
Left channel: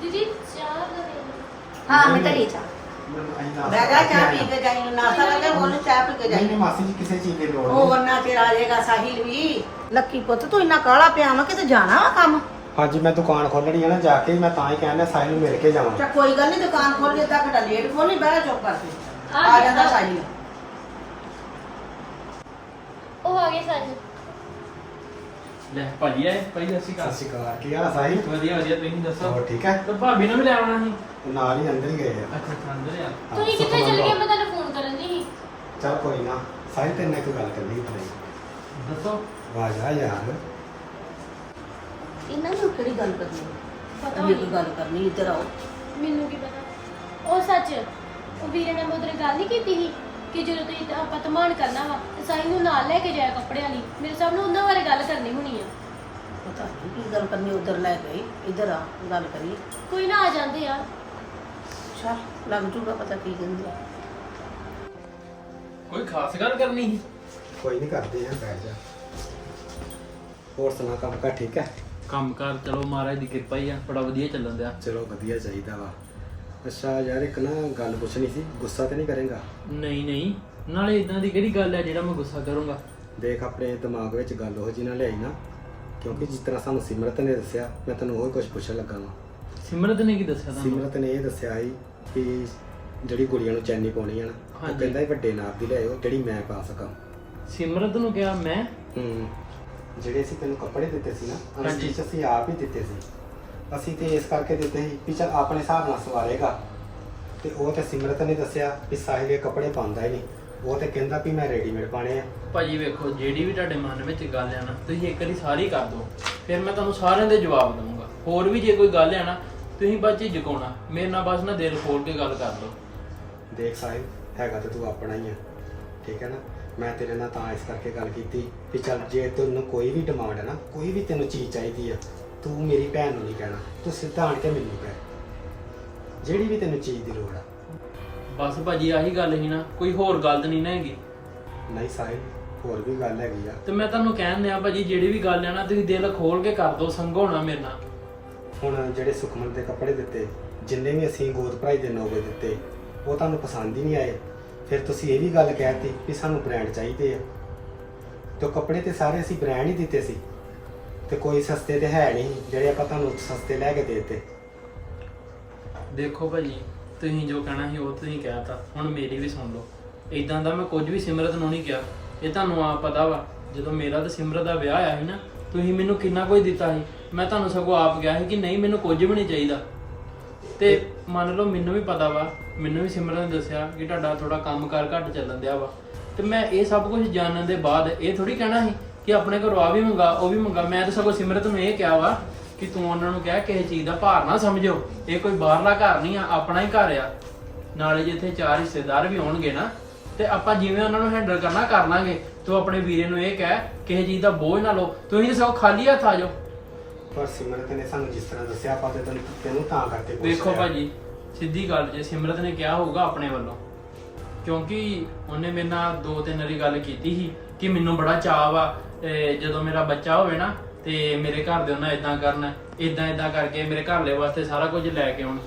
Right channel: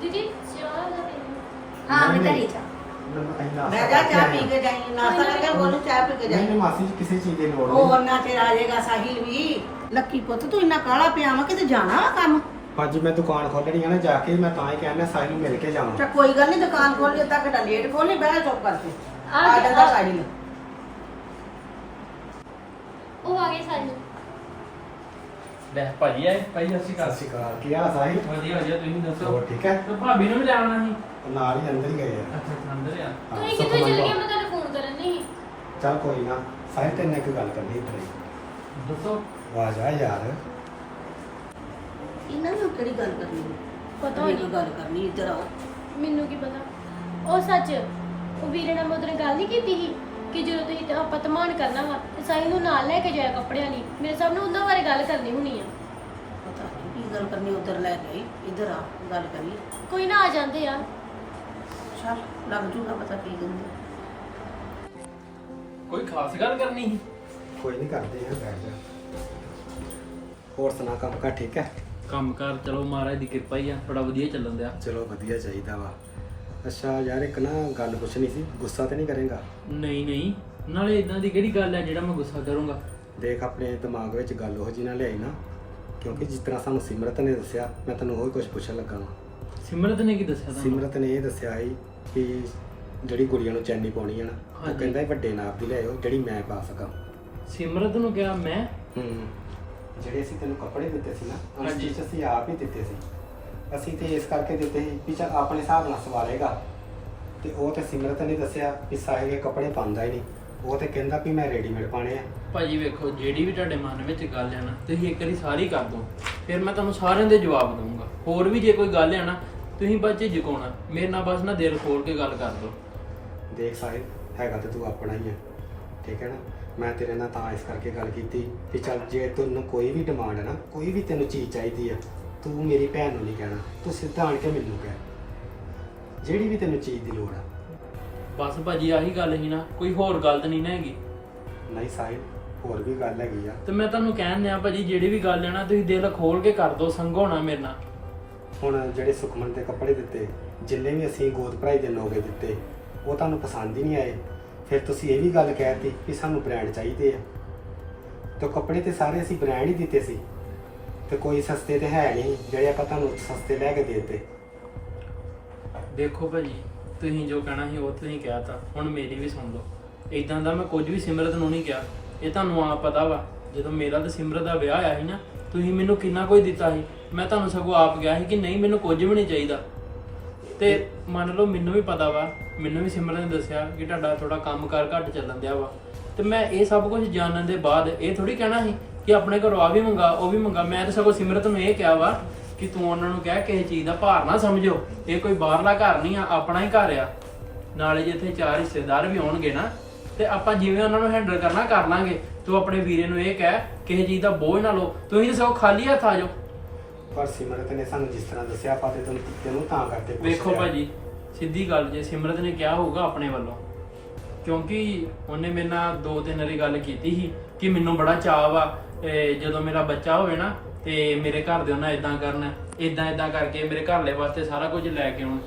ਦੀਦੀ ਚਾਹ ਦਾ ਪੀਣਾ ਹਾਂ ਮੈਂ ਨਹੀਂ, ਘਰੇ ਜਾ ਮੈਨੂੰ ਅਸੀਂ ਨਾਸ਼ਤਾ ਮੈਂ ਜਾ ਚਾਹ ਕਰਕੇ ਪੀ ਕੇ ਜਾਈ ਨਾਸਾ ਕਰਕੇ ਉਹਨੂੰ ਚਾਹ ਪੀ ਕੇ ਨਹੀਂ ਜਾਈ। ਨਹੀਂ ਮਾਸੀ ਜੀ ਕਿਸੇ ਚੀਜ਼ ਦੀ ਲੋੜ ਉਹ ਨਹੀਂ ਵਰਨਾ ਤੇਰਾ ਆ ਜਾਏਗਾ ਸਾਹਿਲ ਵੀ। ਲੱਕੀ ਪੁੱਤ ਤੂੰ ਇੰਨਾ ਕਾਲਾ ਪਿਆ ਵਾ ਕਿਤੇ ਜਾਣਾ ਵਾ ਕੰਮ? ਹਾਂਜੀ ਮੈਂ ਦੁਕਾਨ ਖੋਲਣੀ ਹੈ ਨਾ ਜਾ ਕੇ ਮੈਂ ਤਾਂ ਹੀ ਕਹਿੰਦਾ ਸਾਹਿਲ ਨੂੰ ਮਿਲ ਕੇ ਜਾਵਾਂ। ਚਾ ਕੋਈ ਗੱਲ ਨਹੀਂ ਦੁਕਾਨ ਖੋਲ ਲਈ ਤਾਂ ਘਟਾ ਲੇਟ ਖੋਲ ਨਹੀਂ ਬਹਿਣਾ ਚੁੱਪ ਕਰਕੇ। ਆ। ਜਾਂਦਾ ਸਾਹਿਲ। ਉਹ ਆ ਗਏ ਸਾਰੇ। ਲੈ ਭਾਜੀ ਆਏ ਭਾਈ ਅਸੀਂ ਸਤਿ ਸ਼੍ਰੀ ਅਕਾਲ ਕੀ ਹਾਲ ਆ ਸਾਹਿਲ ਵਧੀਆ ਵਧੀਆ ਤੁਸੀਂ ਦੱਸੋ? ਹੋਰ ਠੀਕ ਹੈ ਤੇ ਭਾਬੀ ਨੂੰ ਵੀ ਲੈ ਆਉਣਾ ਸੀ। ਉਹ ਨਾਲ ਹੀ ਅੰਦਰ ਹੀ ਗਏ ਆ। ਅੱਛਾ ਅੱਛਾ ਅੰਦਰ ਆ। ਹਾਂ, ਤੁਸੀਂ ਕਿੱਥੇ ਸੁਖਮਨ ਚਲ ਗਏ। ਮੈਂ ਤੁਹਾਨੂੰ ਫੋਨ ਕਰਨ ਦੀ ਸੀ। ਚੱਲ ਕੋਈ ਨਾ ਸਾਹਿਲ ਤੇਰੇ ਨਾਲ ਕੋਈ ਗੱਲ ਕਰਨੀ ਇੱਧਰ ਆਈ ਦੱਸੋ। ਆਵਾਜ਼ ਆ ਯਾਰ। ਇਹਨਾਂ ਨੂੰ ਕਿਹੜੀ ਗੱਲ ਕਰਨੀ ਪਤਾ ਹੋਈ ਹੋਣੀ। ਗੱਲ ਕਰਨੀ ਇੱਧਰ ਆਓ। ਮੈਨੂੰ ਕੀ ਪਤਾ? ਉਹ ਸੱਚ ਉਹ ਵੀਰੇ ਨਾਲ ਮੈਂ ਉਹਦੇ ਨਾਲ ਗੱਲ ਨਹੀਂ ਕੀਤੀ ਸੀ? ਕਿ ਜਦੋਂ ਤੁਸੀਂ ਆਪਾਂ ਧਮਾਨ ਕਰਨਾ ਵਾ ਤੇ ਸਾਹਿਲ ਨੂੰ ਨਾਲ ਲੈ ਕੇ ਜਾਇਆ ਕੱਪੜਿਆਂ ਲਈ। ਮੇਰੇ ਸਭ ਨੂੰ ਉਹਨਾਂ ਬਾਰੇ ਗੱਲ ਕਰਨੀ ਹੋਣੀ ਆ। ਪਤਾ ਨਹੀਂ ਕੀ ਗੱਲ ਕਰਨੀ ਉੱਧਰ ਲੈ ਗਈ ਇੱਧਰ ਆ ਗੱਲ ਕਰੀਏ। ਕੋਈ ਨਾ ਆ ਜਾਂਦੇ ਆ। ਅੱਛਾ ਲੱਗ ਜੂਗਾ ਪਤਾ ਕੀ ਕਹਿੰਦੇ ਆ। ਕੋਈ ਖਾਸ ਗੱਲ ਕਰਨੀ ਸੀ? ਕੋਈ ਨਹੀਂ ਕਰਦੇ ਯਾਰ ਬੈਠ ਜਾ। ਹੋਰ ਸੁਣਾ ਕੰਮ ਕਾ ਠੀਕ ਹੈ? ਕੰਮ ਕਾਰ ਚਲੋ ਮਹਾਰਾਜ ਦੀ ਕਿਰਪਾ ਹੀ ਆ ਬੜਾ ਵਧੀਆ ਚੱਲਣ ਦਿਆ। ਚਲੋ ਵਧੀਆ ਚਾਹੀਦਾ ਵਾ। ਅੱਛਾ ਯਾਰ ਇੱਕ ਨਾ ਗੱਲ ਪੁੱਛਣੀ ਸੀ ਗੁੱਸਾ ਤੇ ਨਹੀਂ ਕਰੇਗਾ? ਨਹੀਂ ਨਹੀਂ। ਨਾਲੇ ਇਦਾਂ ਦੀ ਕਿਹੜੀ ਗੱਲ ਆ ਜਿਹੜਾ ਮੈਂ ਗੁੱਸਾ ਕਰੂੰਗਾ? ਦੇਖ ਆਪਣੇ ਦਿਮਾਗ ਵਿੱਚ ਗੱਲ ਉਹ ਜੀ ਨਾ ਲਿਆਈ ਨਾ ਕਿਉਂਕਿ ਜਿਸ ਤਰ੍ਹਾਂ ਸਾਨੂੰ ਸਿਮਰਤ ਨੇ ਦੱਸਿਆ ਮੈਂ ਤੈਨੂੰ ਉਹ ਕੁਝ ਪੁੱਛਣ ਲੱਗਾ ਵਾਂ। ਸਿਮਰਤ ਨੇ ਕੀ ਦੱਸਿਆ ਤੁਹਾਨੂੰ? ਸਿਮਰਤ ਨੇ ਇਹ ਦੱਸਿਆ ਸੀ ਕਿ ਜਿਹੜੀ ਕੁੜੀਆਂ ਨੂੰ ਚੈਨੀ ਪਾਉਣੀ ਹੈ ਨਾ ਉਹ ਹਾਂਜੀ। ਕਹਿੰਦਾ ਸੀ ਵੱਡੇ ਨਾਪ ਦੀ ਲਿਆਇਓ ਜਿਹੜੀ ਮੈਂ ਪਾ ਸਕਾਂ। ਸਿਮਰਤ ਨੂੰ ਕਿਹਾ ਮੈਂ? ਹੂੰ। ਜਿਹੜੇ ਅਸੀਂ ਤੈਨੂੰ ਕੱਪੜੇ ਦਿੱਤੇ ਸੀ ਨਾ ਹਾਂਜੀ। ਅਸੀਂ ਆਪ ਹੀ ਦਿੱਤੇ ਸੀ। ਅਸੀਂ ਤੇ ਇਸ ਕਰਕੇ ਦਿੱਤੇ ਸੀ ਵੀ ਚੱਲ ਆਪਣੇ ਹਿਸਾਬ ਨਾਲ ਸਵਾਲੇਗਾ ਤੇ ਉਹ ਤੇ ਸਿਮਰਤ ਨੇ ਦੱਸਿਆ ਵੀ ਸਾਹਿਲ ਇਹ ਕੱਪੜੇ ਪਾਉਂਦਾ ਹੀ ਨਹੀਂ। ਉਹ ਤੇ ਕਹਿੰਦਾ ਵੀ ਮੈਂ ਰੈਡੀਮੇਡ ਪਾਣੇ ਆ। ਭਾਜੀ ਵੇਖੋ ਜਿਹੜੀ ਵੀ ਤੁਹਾਡੇ ਮਨ ਵਿੱਚ ਗੱਲ ਹੈ ਨਾ ਤੁਸੀਂ ਇੱਕ ਵਾਰੀ ਸਾਰੀ ਕਰ ਦਿਓ। ਫਿਰ ਮੈਂ ਤੁਹਾਨੂੰ ਸਾਰਿਆਂ ਦੇ ਜਵਾਬ ਦਊਂਗਾ। ਹੋਰ ਵੀ ਜੇ ਕੋਈ ਗੱਲ ਹੈ ਨਾ ਤੁਸੀਂ ਬੱਚੇ ਝੁਕਾਉਣਾ ਮੇਰੇ ਨਾਲ ਬਸ ਨਾ ਦਿਲ ਖੋਲ ਕੇ ਗੱਲ ਕਰ ਦਿਓ। ਦੇਖ ਸਾਹਿਲ ਹੈਗਾ ਤੇ ਤੂੰ ਆਪਣਾ ਹੀ ਆ। ਠੀਕ ਹੈ ਨਾ? ਮੈਂ ਤੇਰੇ ਨਾਲ ਤਾਂ ਇਸ ਕਰਕੇ ਗੱਲ ਕੀਤੀ ਵੀ ਚੱਲ ਜੇ ਤੈਨੂੰ ਕੋਈ ਵੀ ਡਿਮਾਂਡ ਹੈ ਨਾ ਕੋਈ ਵੀ ਤੈਨੂੰ ਚੀਜ਼ ਚਾਹੀਦੀ ਆ ਤੂੰ ਮੇਰੀ ਭੈਣ ਨੂੰ ਨਹੀਂ ਕਹਿਣਾ ਤੂੰ ਸਿੱਧਾ ਆਣ ਕੇ ਮੈਨੂੰ ਕਹਿ। ਜਿਹੜੀ ਵੀ ਤੈਨੂੰ ਚੀਜ਼ ਦੀ ਲੋੜ ਆ। ਬਸ ਭਾਜੀ ਆਹੀ ਗੱਲ ਹੀ ਨਾ ਕੋਈ ਹੋਰ ਗੱਲ ਤਾਂ ਨਹੀਂ ਨਾ ਹੈਗੀ। ਨਹੀਂ ਸਾਹਿਲ ਹੋਰ ਵੀ ਗੱਲ ਹੈਗੀ ਆ। ਤੇ ਮੈਂ ਤੁਹਾਨੂੰ ਕਹਿਣ ਦਿਆਂ ਭਾਜੀ ਜਿਹੜੀ ਵੀ ਗੱਲ ਹੈ ਨਾ ਤੁਸੀਂ ਦਿਲ ਖੋਲ ਕੇ ਕਰ ਦਿਓ ਨਾ ਮੇਰੇ ਨਾਲ। ਹੁਣ ਜਿਹੜੇ ਸੁਖਮਨ ਦੇ ਕੱਪੜੇ ਦਿੱਤੇ ਜਿੰਨੇ ਵੀ ਅਸੀਂ ਗੋਦ ਭਰਾਈ ਦੇ ਨੋਗੇ ਦਿੱਤੇ ਉਹ ਤੁਹਾਨੂੰ ਪਸੰਦ ਹੀ ਨਹੀਂ ਆਏ। ਫਿਰ ਤੁਸੀਂ ਇਹ ਵੀ ਗੱਲ ਕਹਿਤੀ ਵੀ ਸਾਨੂੰ ਬ੍ਰਾਂਡ ਚਾਹੀਦੇ ਆ। ਤੇ ਕੱਪੜੇ ਤੇ ਸਾਰੇ ਅਸੀਂ ਬ੍ਰਾਂਡ ਹੀ ਦਿੱਤੇ ਸੀ। ਤੇ ਕੋਈ ਸਸਤੇ ਤੇ ਹੈ ਨਹੀਂ, ਜਿਹੜੇ ਆਪਾਂ ਤੁਹਾਨੂੰ ਸਸਤੇ ਲੈ ਕੇ ਦੇ ਦਿੱਤੇ। ਦੇਖੋ ਭਾਜੀ, ਤੁਸੀਂ ਜੋ ਕਹਿਣਾ ਸੀ ਉਹ ਤੁਸੀਂ ਕਹਿਤਾ, ਹੁਣ ਮੇਰੀ ਵੀ ਸੁਣ ਲਓ। ਇਦਾਂ ਦਾ ਮੈਂ ਕੁਝ ਵੀ ਸਿਮਰਤ ਨੂੰ ਨਹੀਂ ਕਿਹਾ। ਇਹ ਤੁਹਾਨੂੰ ਆ ਪਤਾ ਵਾ, ਜਦੋਂ ਮੇਰਾ ਤੇ ਸਿਮਰਤ ਦਾ ਵਿਆਹ ਆਇਆ ਸੀ ਨਾ, ਤੁਸੀਂ ਮੈਨੂੰ ਕਿੰਨਾ ਕੁਝ ਦਿੱਤਾ ਸੀ। ਮੈਂ ਤੁਹਾਨੂੰ ਸਗੋਂ ਆਪ ਕਿਹਾ ਸੀ ਕਿ ਨਹੀਂ, ਮੈਨੂੰ ਕੁਝ ਵੀ ਨਹੀਂ ਚਾਹੀਦਾ। ਤੇ ਮੰਨ ਲਓ ਮੈਨੂੰ ਵੀ ਪਤਾ ਵਾ, ਮੈਨੂੰ ਵੀ ਸਿਮਰਨ ਨੇ ਦੱਸਿਆ ਕਿ ਤੁਹਾਡਾ ਥੋੜਾ ਕੰਮਕਾਰ ਘੱਟ ਚੱਲਣ ਦਿਆ ਵਾ। ਤੇ ਮੈਂ ਇਹ ਸਭ ਕੁਝ ਜਾਣਨ ਦੇ ਬਾਅਦ ਇਹ ਥੋੜੀ ਕਹਿਣਾ ਸੀ ਕਿ ਆਪਣੇ ਘਰੋਂ ਆ ਵੀ ਮੰਗਾ ਉਹ ਵੀ ਮੰਗਾ। ਮੈਂ ਤਾਂ ਸਗੋਂ ਸਿਮਰਤ ਨੂੰ ਇਹ ਕਿਹਾ ਵਾ ਕਿ ਤੂੰ ਉਹਨਾਂ ਨੂੰ ਕਹਿ ਕਿਸੇ ਚੀਜ਼ ਦਾ ਭਾਰ ਨਾ ਸਮਝੋ ਇਹ ਕੋਈ ਬਾਹਰਲਾ ਘਰ ਨਹੀਂ ਆ ਆਪਣਾ ਹੀ ਘਰ ਆ। ਨਾਲੇ ਜੇ ਇੱਥੇ ਚਾਰ ਰਿਸ਼ਤੇਦਾਰ ਵੀ ਆਉਣਗੇ ਨਾ ਤੇ ਆਪਾਂ ਜਿਵੇਂ ਉਹਨਾਂ ਨੂੰ ਹੈਂਡਲ ਕਰਨਾ ਕਰ ਲਾਂਗੇ। ਤੂੰ ਆਪਣੇ ਵੀਰੇ ਨੂੰ ਇਹ ਕਹਿ ਕਿਸੇ ਚੀਜ਼ ਦਾ ਬੋਝ ਨਾ ਲਓ। ਤੁਸੀਂ ਸਗੋਂ ਖਾਲੀ ਹੱਥ ਆ ਜਾਓ। ਪਰ ਸਿਮਰਤ ਨੇ ਸਾਨੂੰ ਜਿਸ ਤਰ੍ਹਾਂ ਦੱਸਿਆ ਆਪਾਂ ਤੇ ਤੈਨੂੰ ਤੈਨੂੰ ਤਾਂ ਕਰਕੇ ਪੁੱਛ ਵੇਖੋ ਲਿਆ। ਭਾਜੀ ਸਿੱਧੀ ਗੱਲ ਜੇ ਸਿਮਰਤ ਨੇ ਕਿਹਾ ਹੋਊਗਾ ਆਪਣੇ ਵੱਲੋਂ। ਕਿਉਂਕਿ ਉਹਨੇ ਮੇਰੇ ਨਾਲ ਦੋ ਤਿੰਨ ਵਾਰੀ ਗੱਲ ਕੀਤੀ ਸੀ ਕਿ ਮੈਨੂੰ ਬੜਾ ਚਾਅ ਵਾ ਤੇ ਜਦੋਂ ਮੇਰਾ ਬੱਚਾ ਹੋਵੇ ਨਾ ਤੇ ਮੇਰੇ ਘਰ ਦੇ ਉਹਨਾਂ ਇਦਾਂ ਕਰਨਾ ਇਦਾਂ ਇਦਾਂ ਕਰਕੇ ਮੇਰੇ ਘਰਲੇ ਵਾਸਤੇ ਸਾਰਾ ਕੁਝ ਲੈ ਕੇ ਆਉਣ।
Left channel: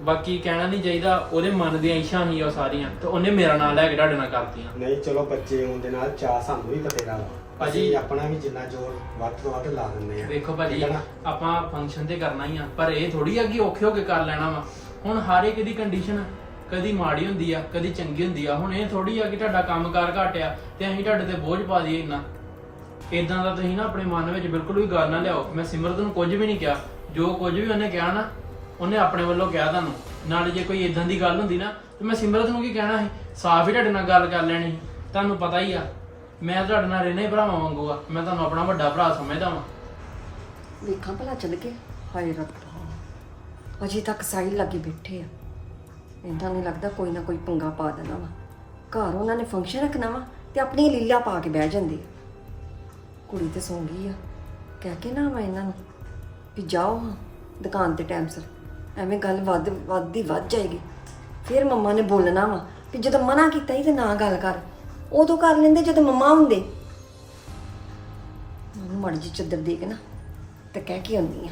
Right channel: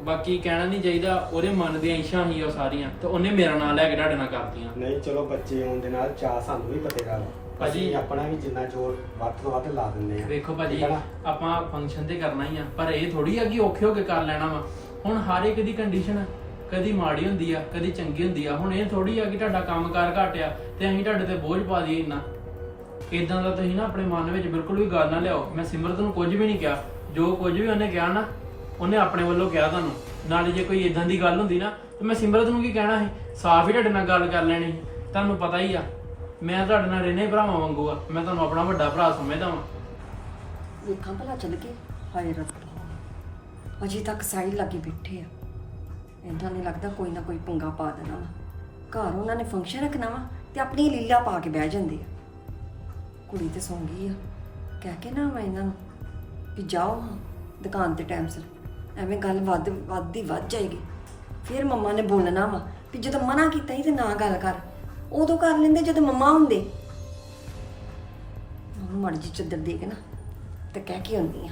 ਬਾਕੀ ਕਹਿਣਾ ਨਹੀਂ ਚਾਹੀਦਾ ਉਹਦੇ ਮਨ ਦੀਆਂ ਇੱਛਾ ਸੀ ਉਹ ਸਾਰੀਆਂ ਤੇ ਉਹਨੇ ਮੇਰਾ ਨਾਂ ਲੈ ਕੇ ਤੁਹਾਡੇ ਨਾਲ ਕਰਤੀਆਂ। ਨਹੀਂ ਚਲੋ ਬੱਚੇ ਆਉਣ ਦੇ ਨਾਲ ਚਾਹ ਸਾਨੂੰ ਵੀ ਬਤੇਰਾ ਵਾ। ਭਾਜੀ- ਆਪਣਾ ਵੀ ਜਿੰਨਾ ਜ਼ੋਰ ਵੱਧ ਤੋਂ ਵੱਧ ਲਾ ਦਿੰਦੇ ਆ ਵੇਖੋ ਭਾਜੀ? ਆਪਾਂ ਫੰਕਸ਼ਨ ਤੇ ਕਰਨਾ ਹੀ ਆ ਪਰ ਇਹ ਥੋੜੀ ਆ ਕਿ ਔਖੇ ਹੋ ਕੇ ਕਰ ਲੈਣਾ ਵਾ। ਹੁਣ ਹਰ ਇੱਕ ਦੀ ਕੰਡੀਸ਼ਨ ਕਦੀ ਮਾੜੀ ਹੁੰਦੀ ਆ ਕਦੀ ਚੰਗੀ ਹੁੰਦੀ ਆ। ਹੁਣ ਇਹ ਥੋੜੀ ਆ ਕਿ ਤੁਹਾਡਾ ਕੰਮਕਾਰ ਘੱਟ ਆ ਤੇ ਅਸੀਂ ਤੁਹਾਡੇ ਤੇ ਬੋਝ ਪਾ ਦਈਏ ਇੰਨਾ। ਇਦਾਂ ਦਾ ਤੁਸੀਂ ਨਾ ਆਪਣੇ ਮਨ ਵਿੱਚ ਬਿਲਕੁਲ ਵੀ ਗੱਲ ਨਾ ਲਿਆਓ। ਮੈਂ ਸਿਮਰਤ ਨੂੰ ਕੁਝ ਵੀ ਨਹੀਂ ਕਿਹਾ। ਜੋ ਕੁਝ ਵੀ ਉਹਨੇ ਕਿਹਾ ਨਾ, ਉਹਨੇ ਆਪਣੇ ਵੱਲੋਂ ਕਿਹਾ ਤੁਹਾਨੂੰ। ਨਾਲੇ ਜੇ ਕੋਈ ਇਦਾਂ ਦੀ ਗੱਲ ਹੁੰਦੀ ਨਾ, ਤੇ ਮੈਂ ਸਿਮਰਤ ਨੂੰ ਕੀ ਕਹਿਣਾ ਸੀ? ਸਾਫ਼ ਹੀ ਤੁਹਾਡੇ ਨਾਲ ਗੱਲ ਕਰ ਲੈਣੀ ਸੀ। ਤੁਹਾਨੂੰ ਪਤਾ ਹੀ ਆ, ਮੈਂ ਤੁਹਾਡੇ ਨਾਲ ਰਹਿਣਾ ਭਰਾਵਾਂ ਵਾਂਗੂ ਆ। ਮੈਂ ਤੁਹਾਨੂੰ ਆਪਣਾ ਵੱਡਾ ਭਰਾ ਸਮਝਦਾ ਵਾਂ। ਵੇਖਾਂ ਭਲਾ ਚੱਲ ਕੇ ਹਾਏ ਰੱਬਾ ਅਜੇ ਤੱਕ ਸਾਈਡ ਲੱਗੇ ਬੈਠੇ ਆ। ਇਹਨਾਂ ਨੂੰ ਲੱਗਦਾ ਕੋਈ ਨਾ ਕੋਈ ਪੰਗਾ ਪਾ ਦੇਣਾ ਵਾ। ਘਰ ਉਹਨਾਂ ਨੇ ਫੰਕਸ਼ਨ ਰੱਖਣਾ ਵਾ ਤੇ ਆਪਣੀ ਲੀਲਾ ਪਾ ਕੇ ਬਹਿ ਜਾਂਦੇ ਆ। ਕੁੜੀ ਤੇ ਸੌਂ ਗਈ ਆ। ਕਹਿ ਕੇ ਨਾ ਮੈਂ ਇਹਨਾਂ ਨੂੰ ਵੀ ਜਾਓ ਹਾਂ, ਦੁਕਾਨ ਤੇ ਟਾਈਮ ਸਿਰ। ਐਵੇਂ ਗੱਲ ਵੱਧ, ਵੱਧਦੀ ਵੱਧ ਜਾਏਗੀ। ਫਿਰ ਮੰਮਾ ਨੇ ਬੋਲਣਾ ਵਾ ਵੀ ਜਦੋਂ ਮਨਾ ਕੀਤਾ ਸੀ ਤੇ ਨਾ ਗੱਲ ਕਰ। ਉਦੋਂ ਕਰ ਲੈਂਦੇ ਜਦੋਂ ਮੰਮਾ ਹੁੰਦੇ। ਉਹਨੂੰ ਮੜ ਜੀ ਚੱਦਰ ਦੇ ਕੇ ਨਾ ਤੇ ਕਹਿ ਕੇ ਆਉਂਦੀ ਆ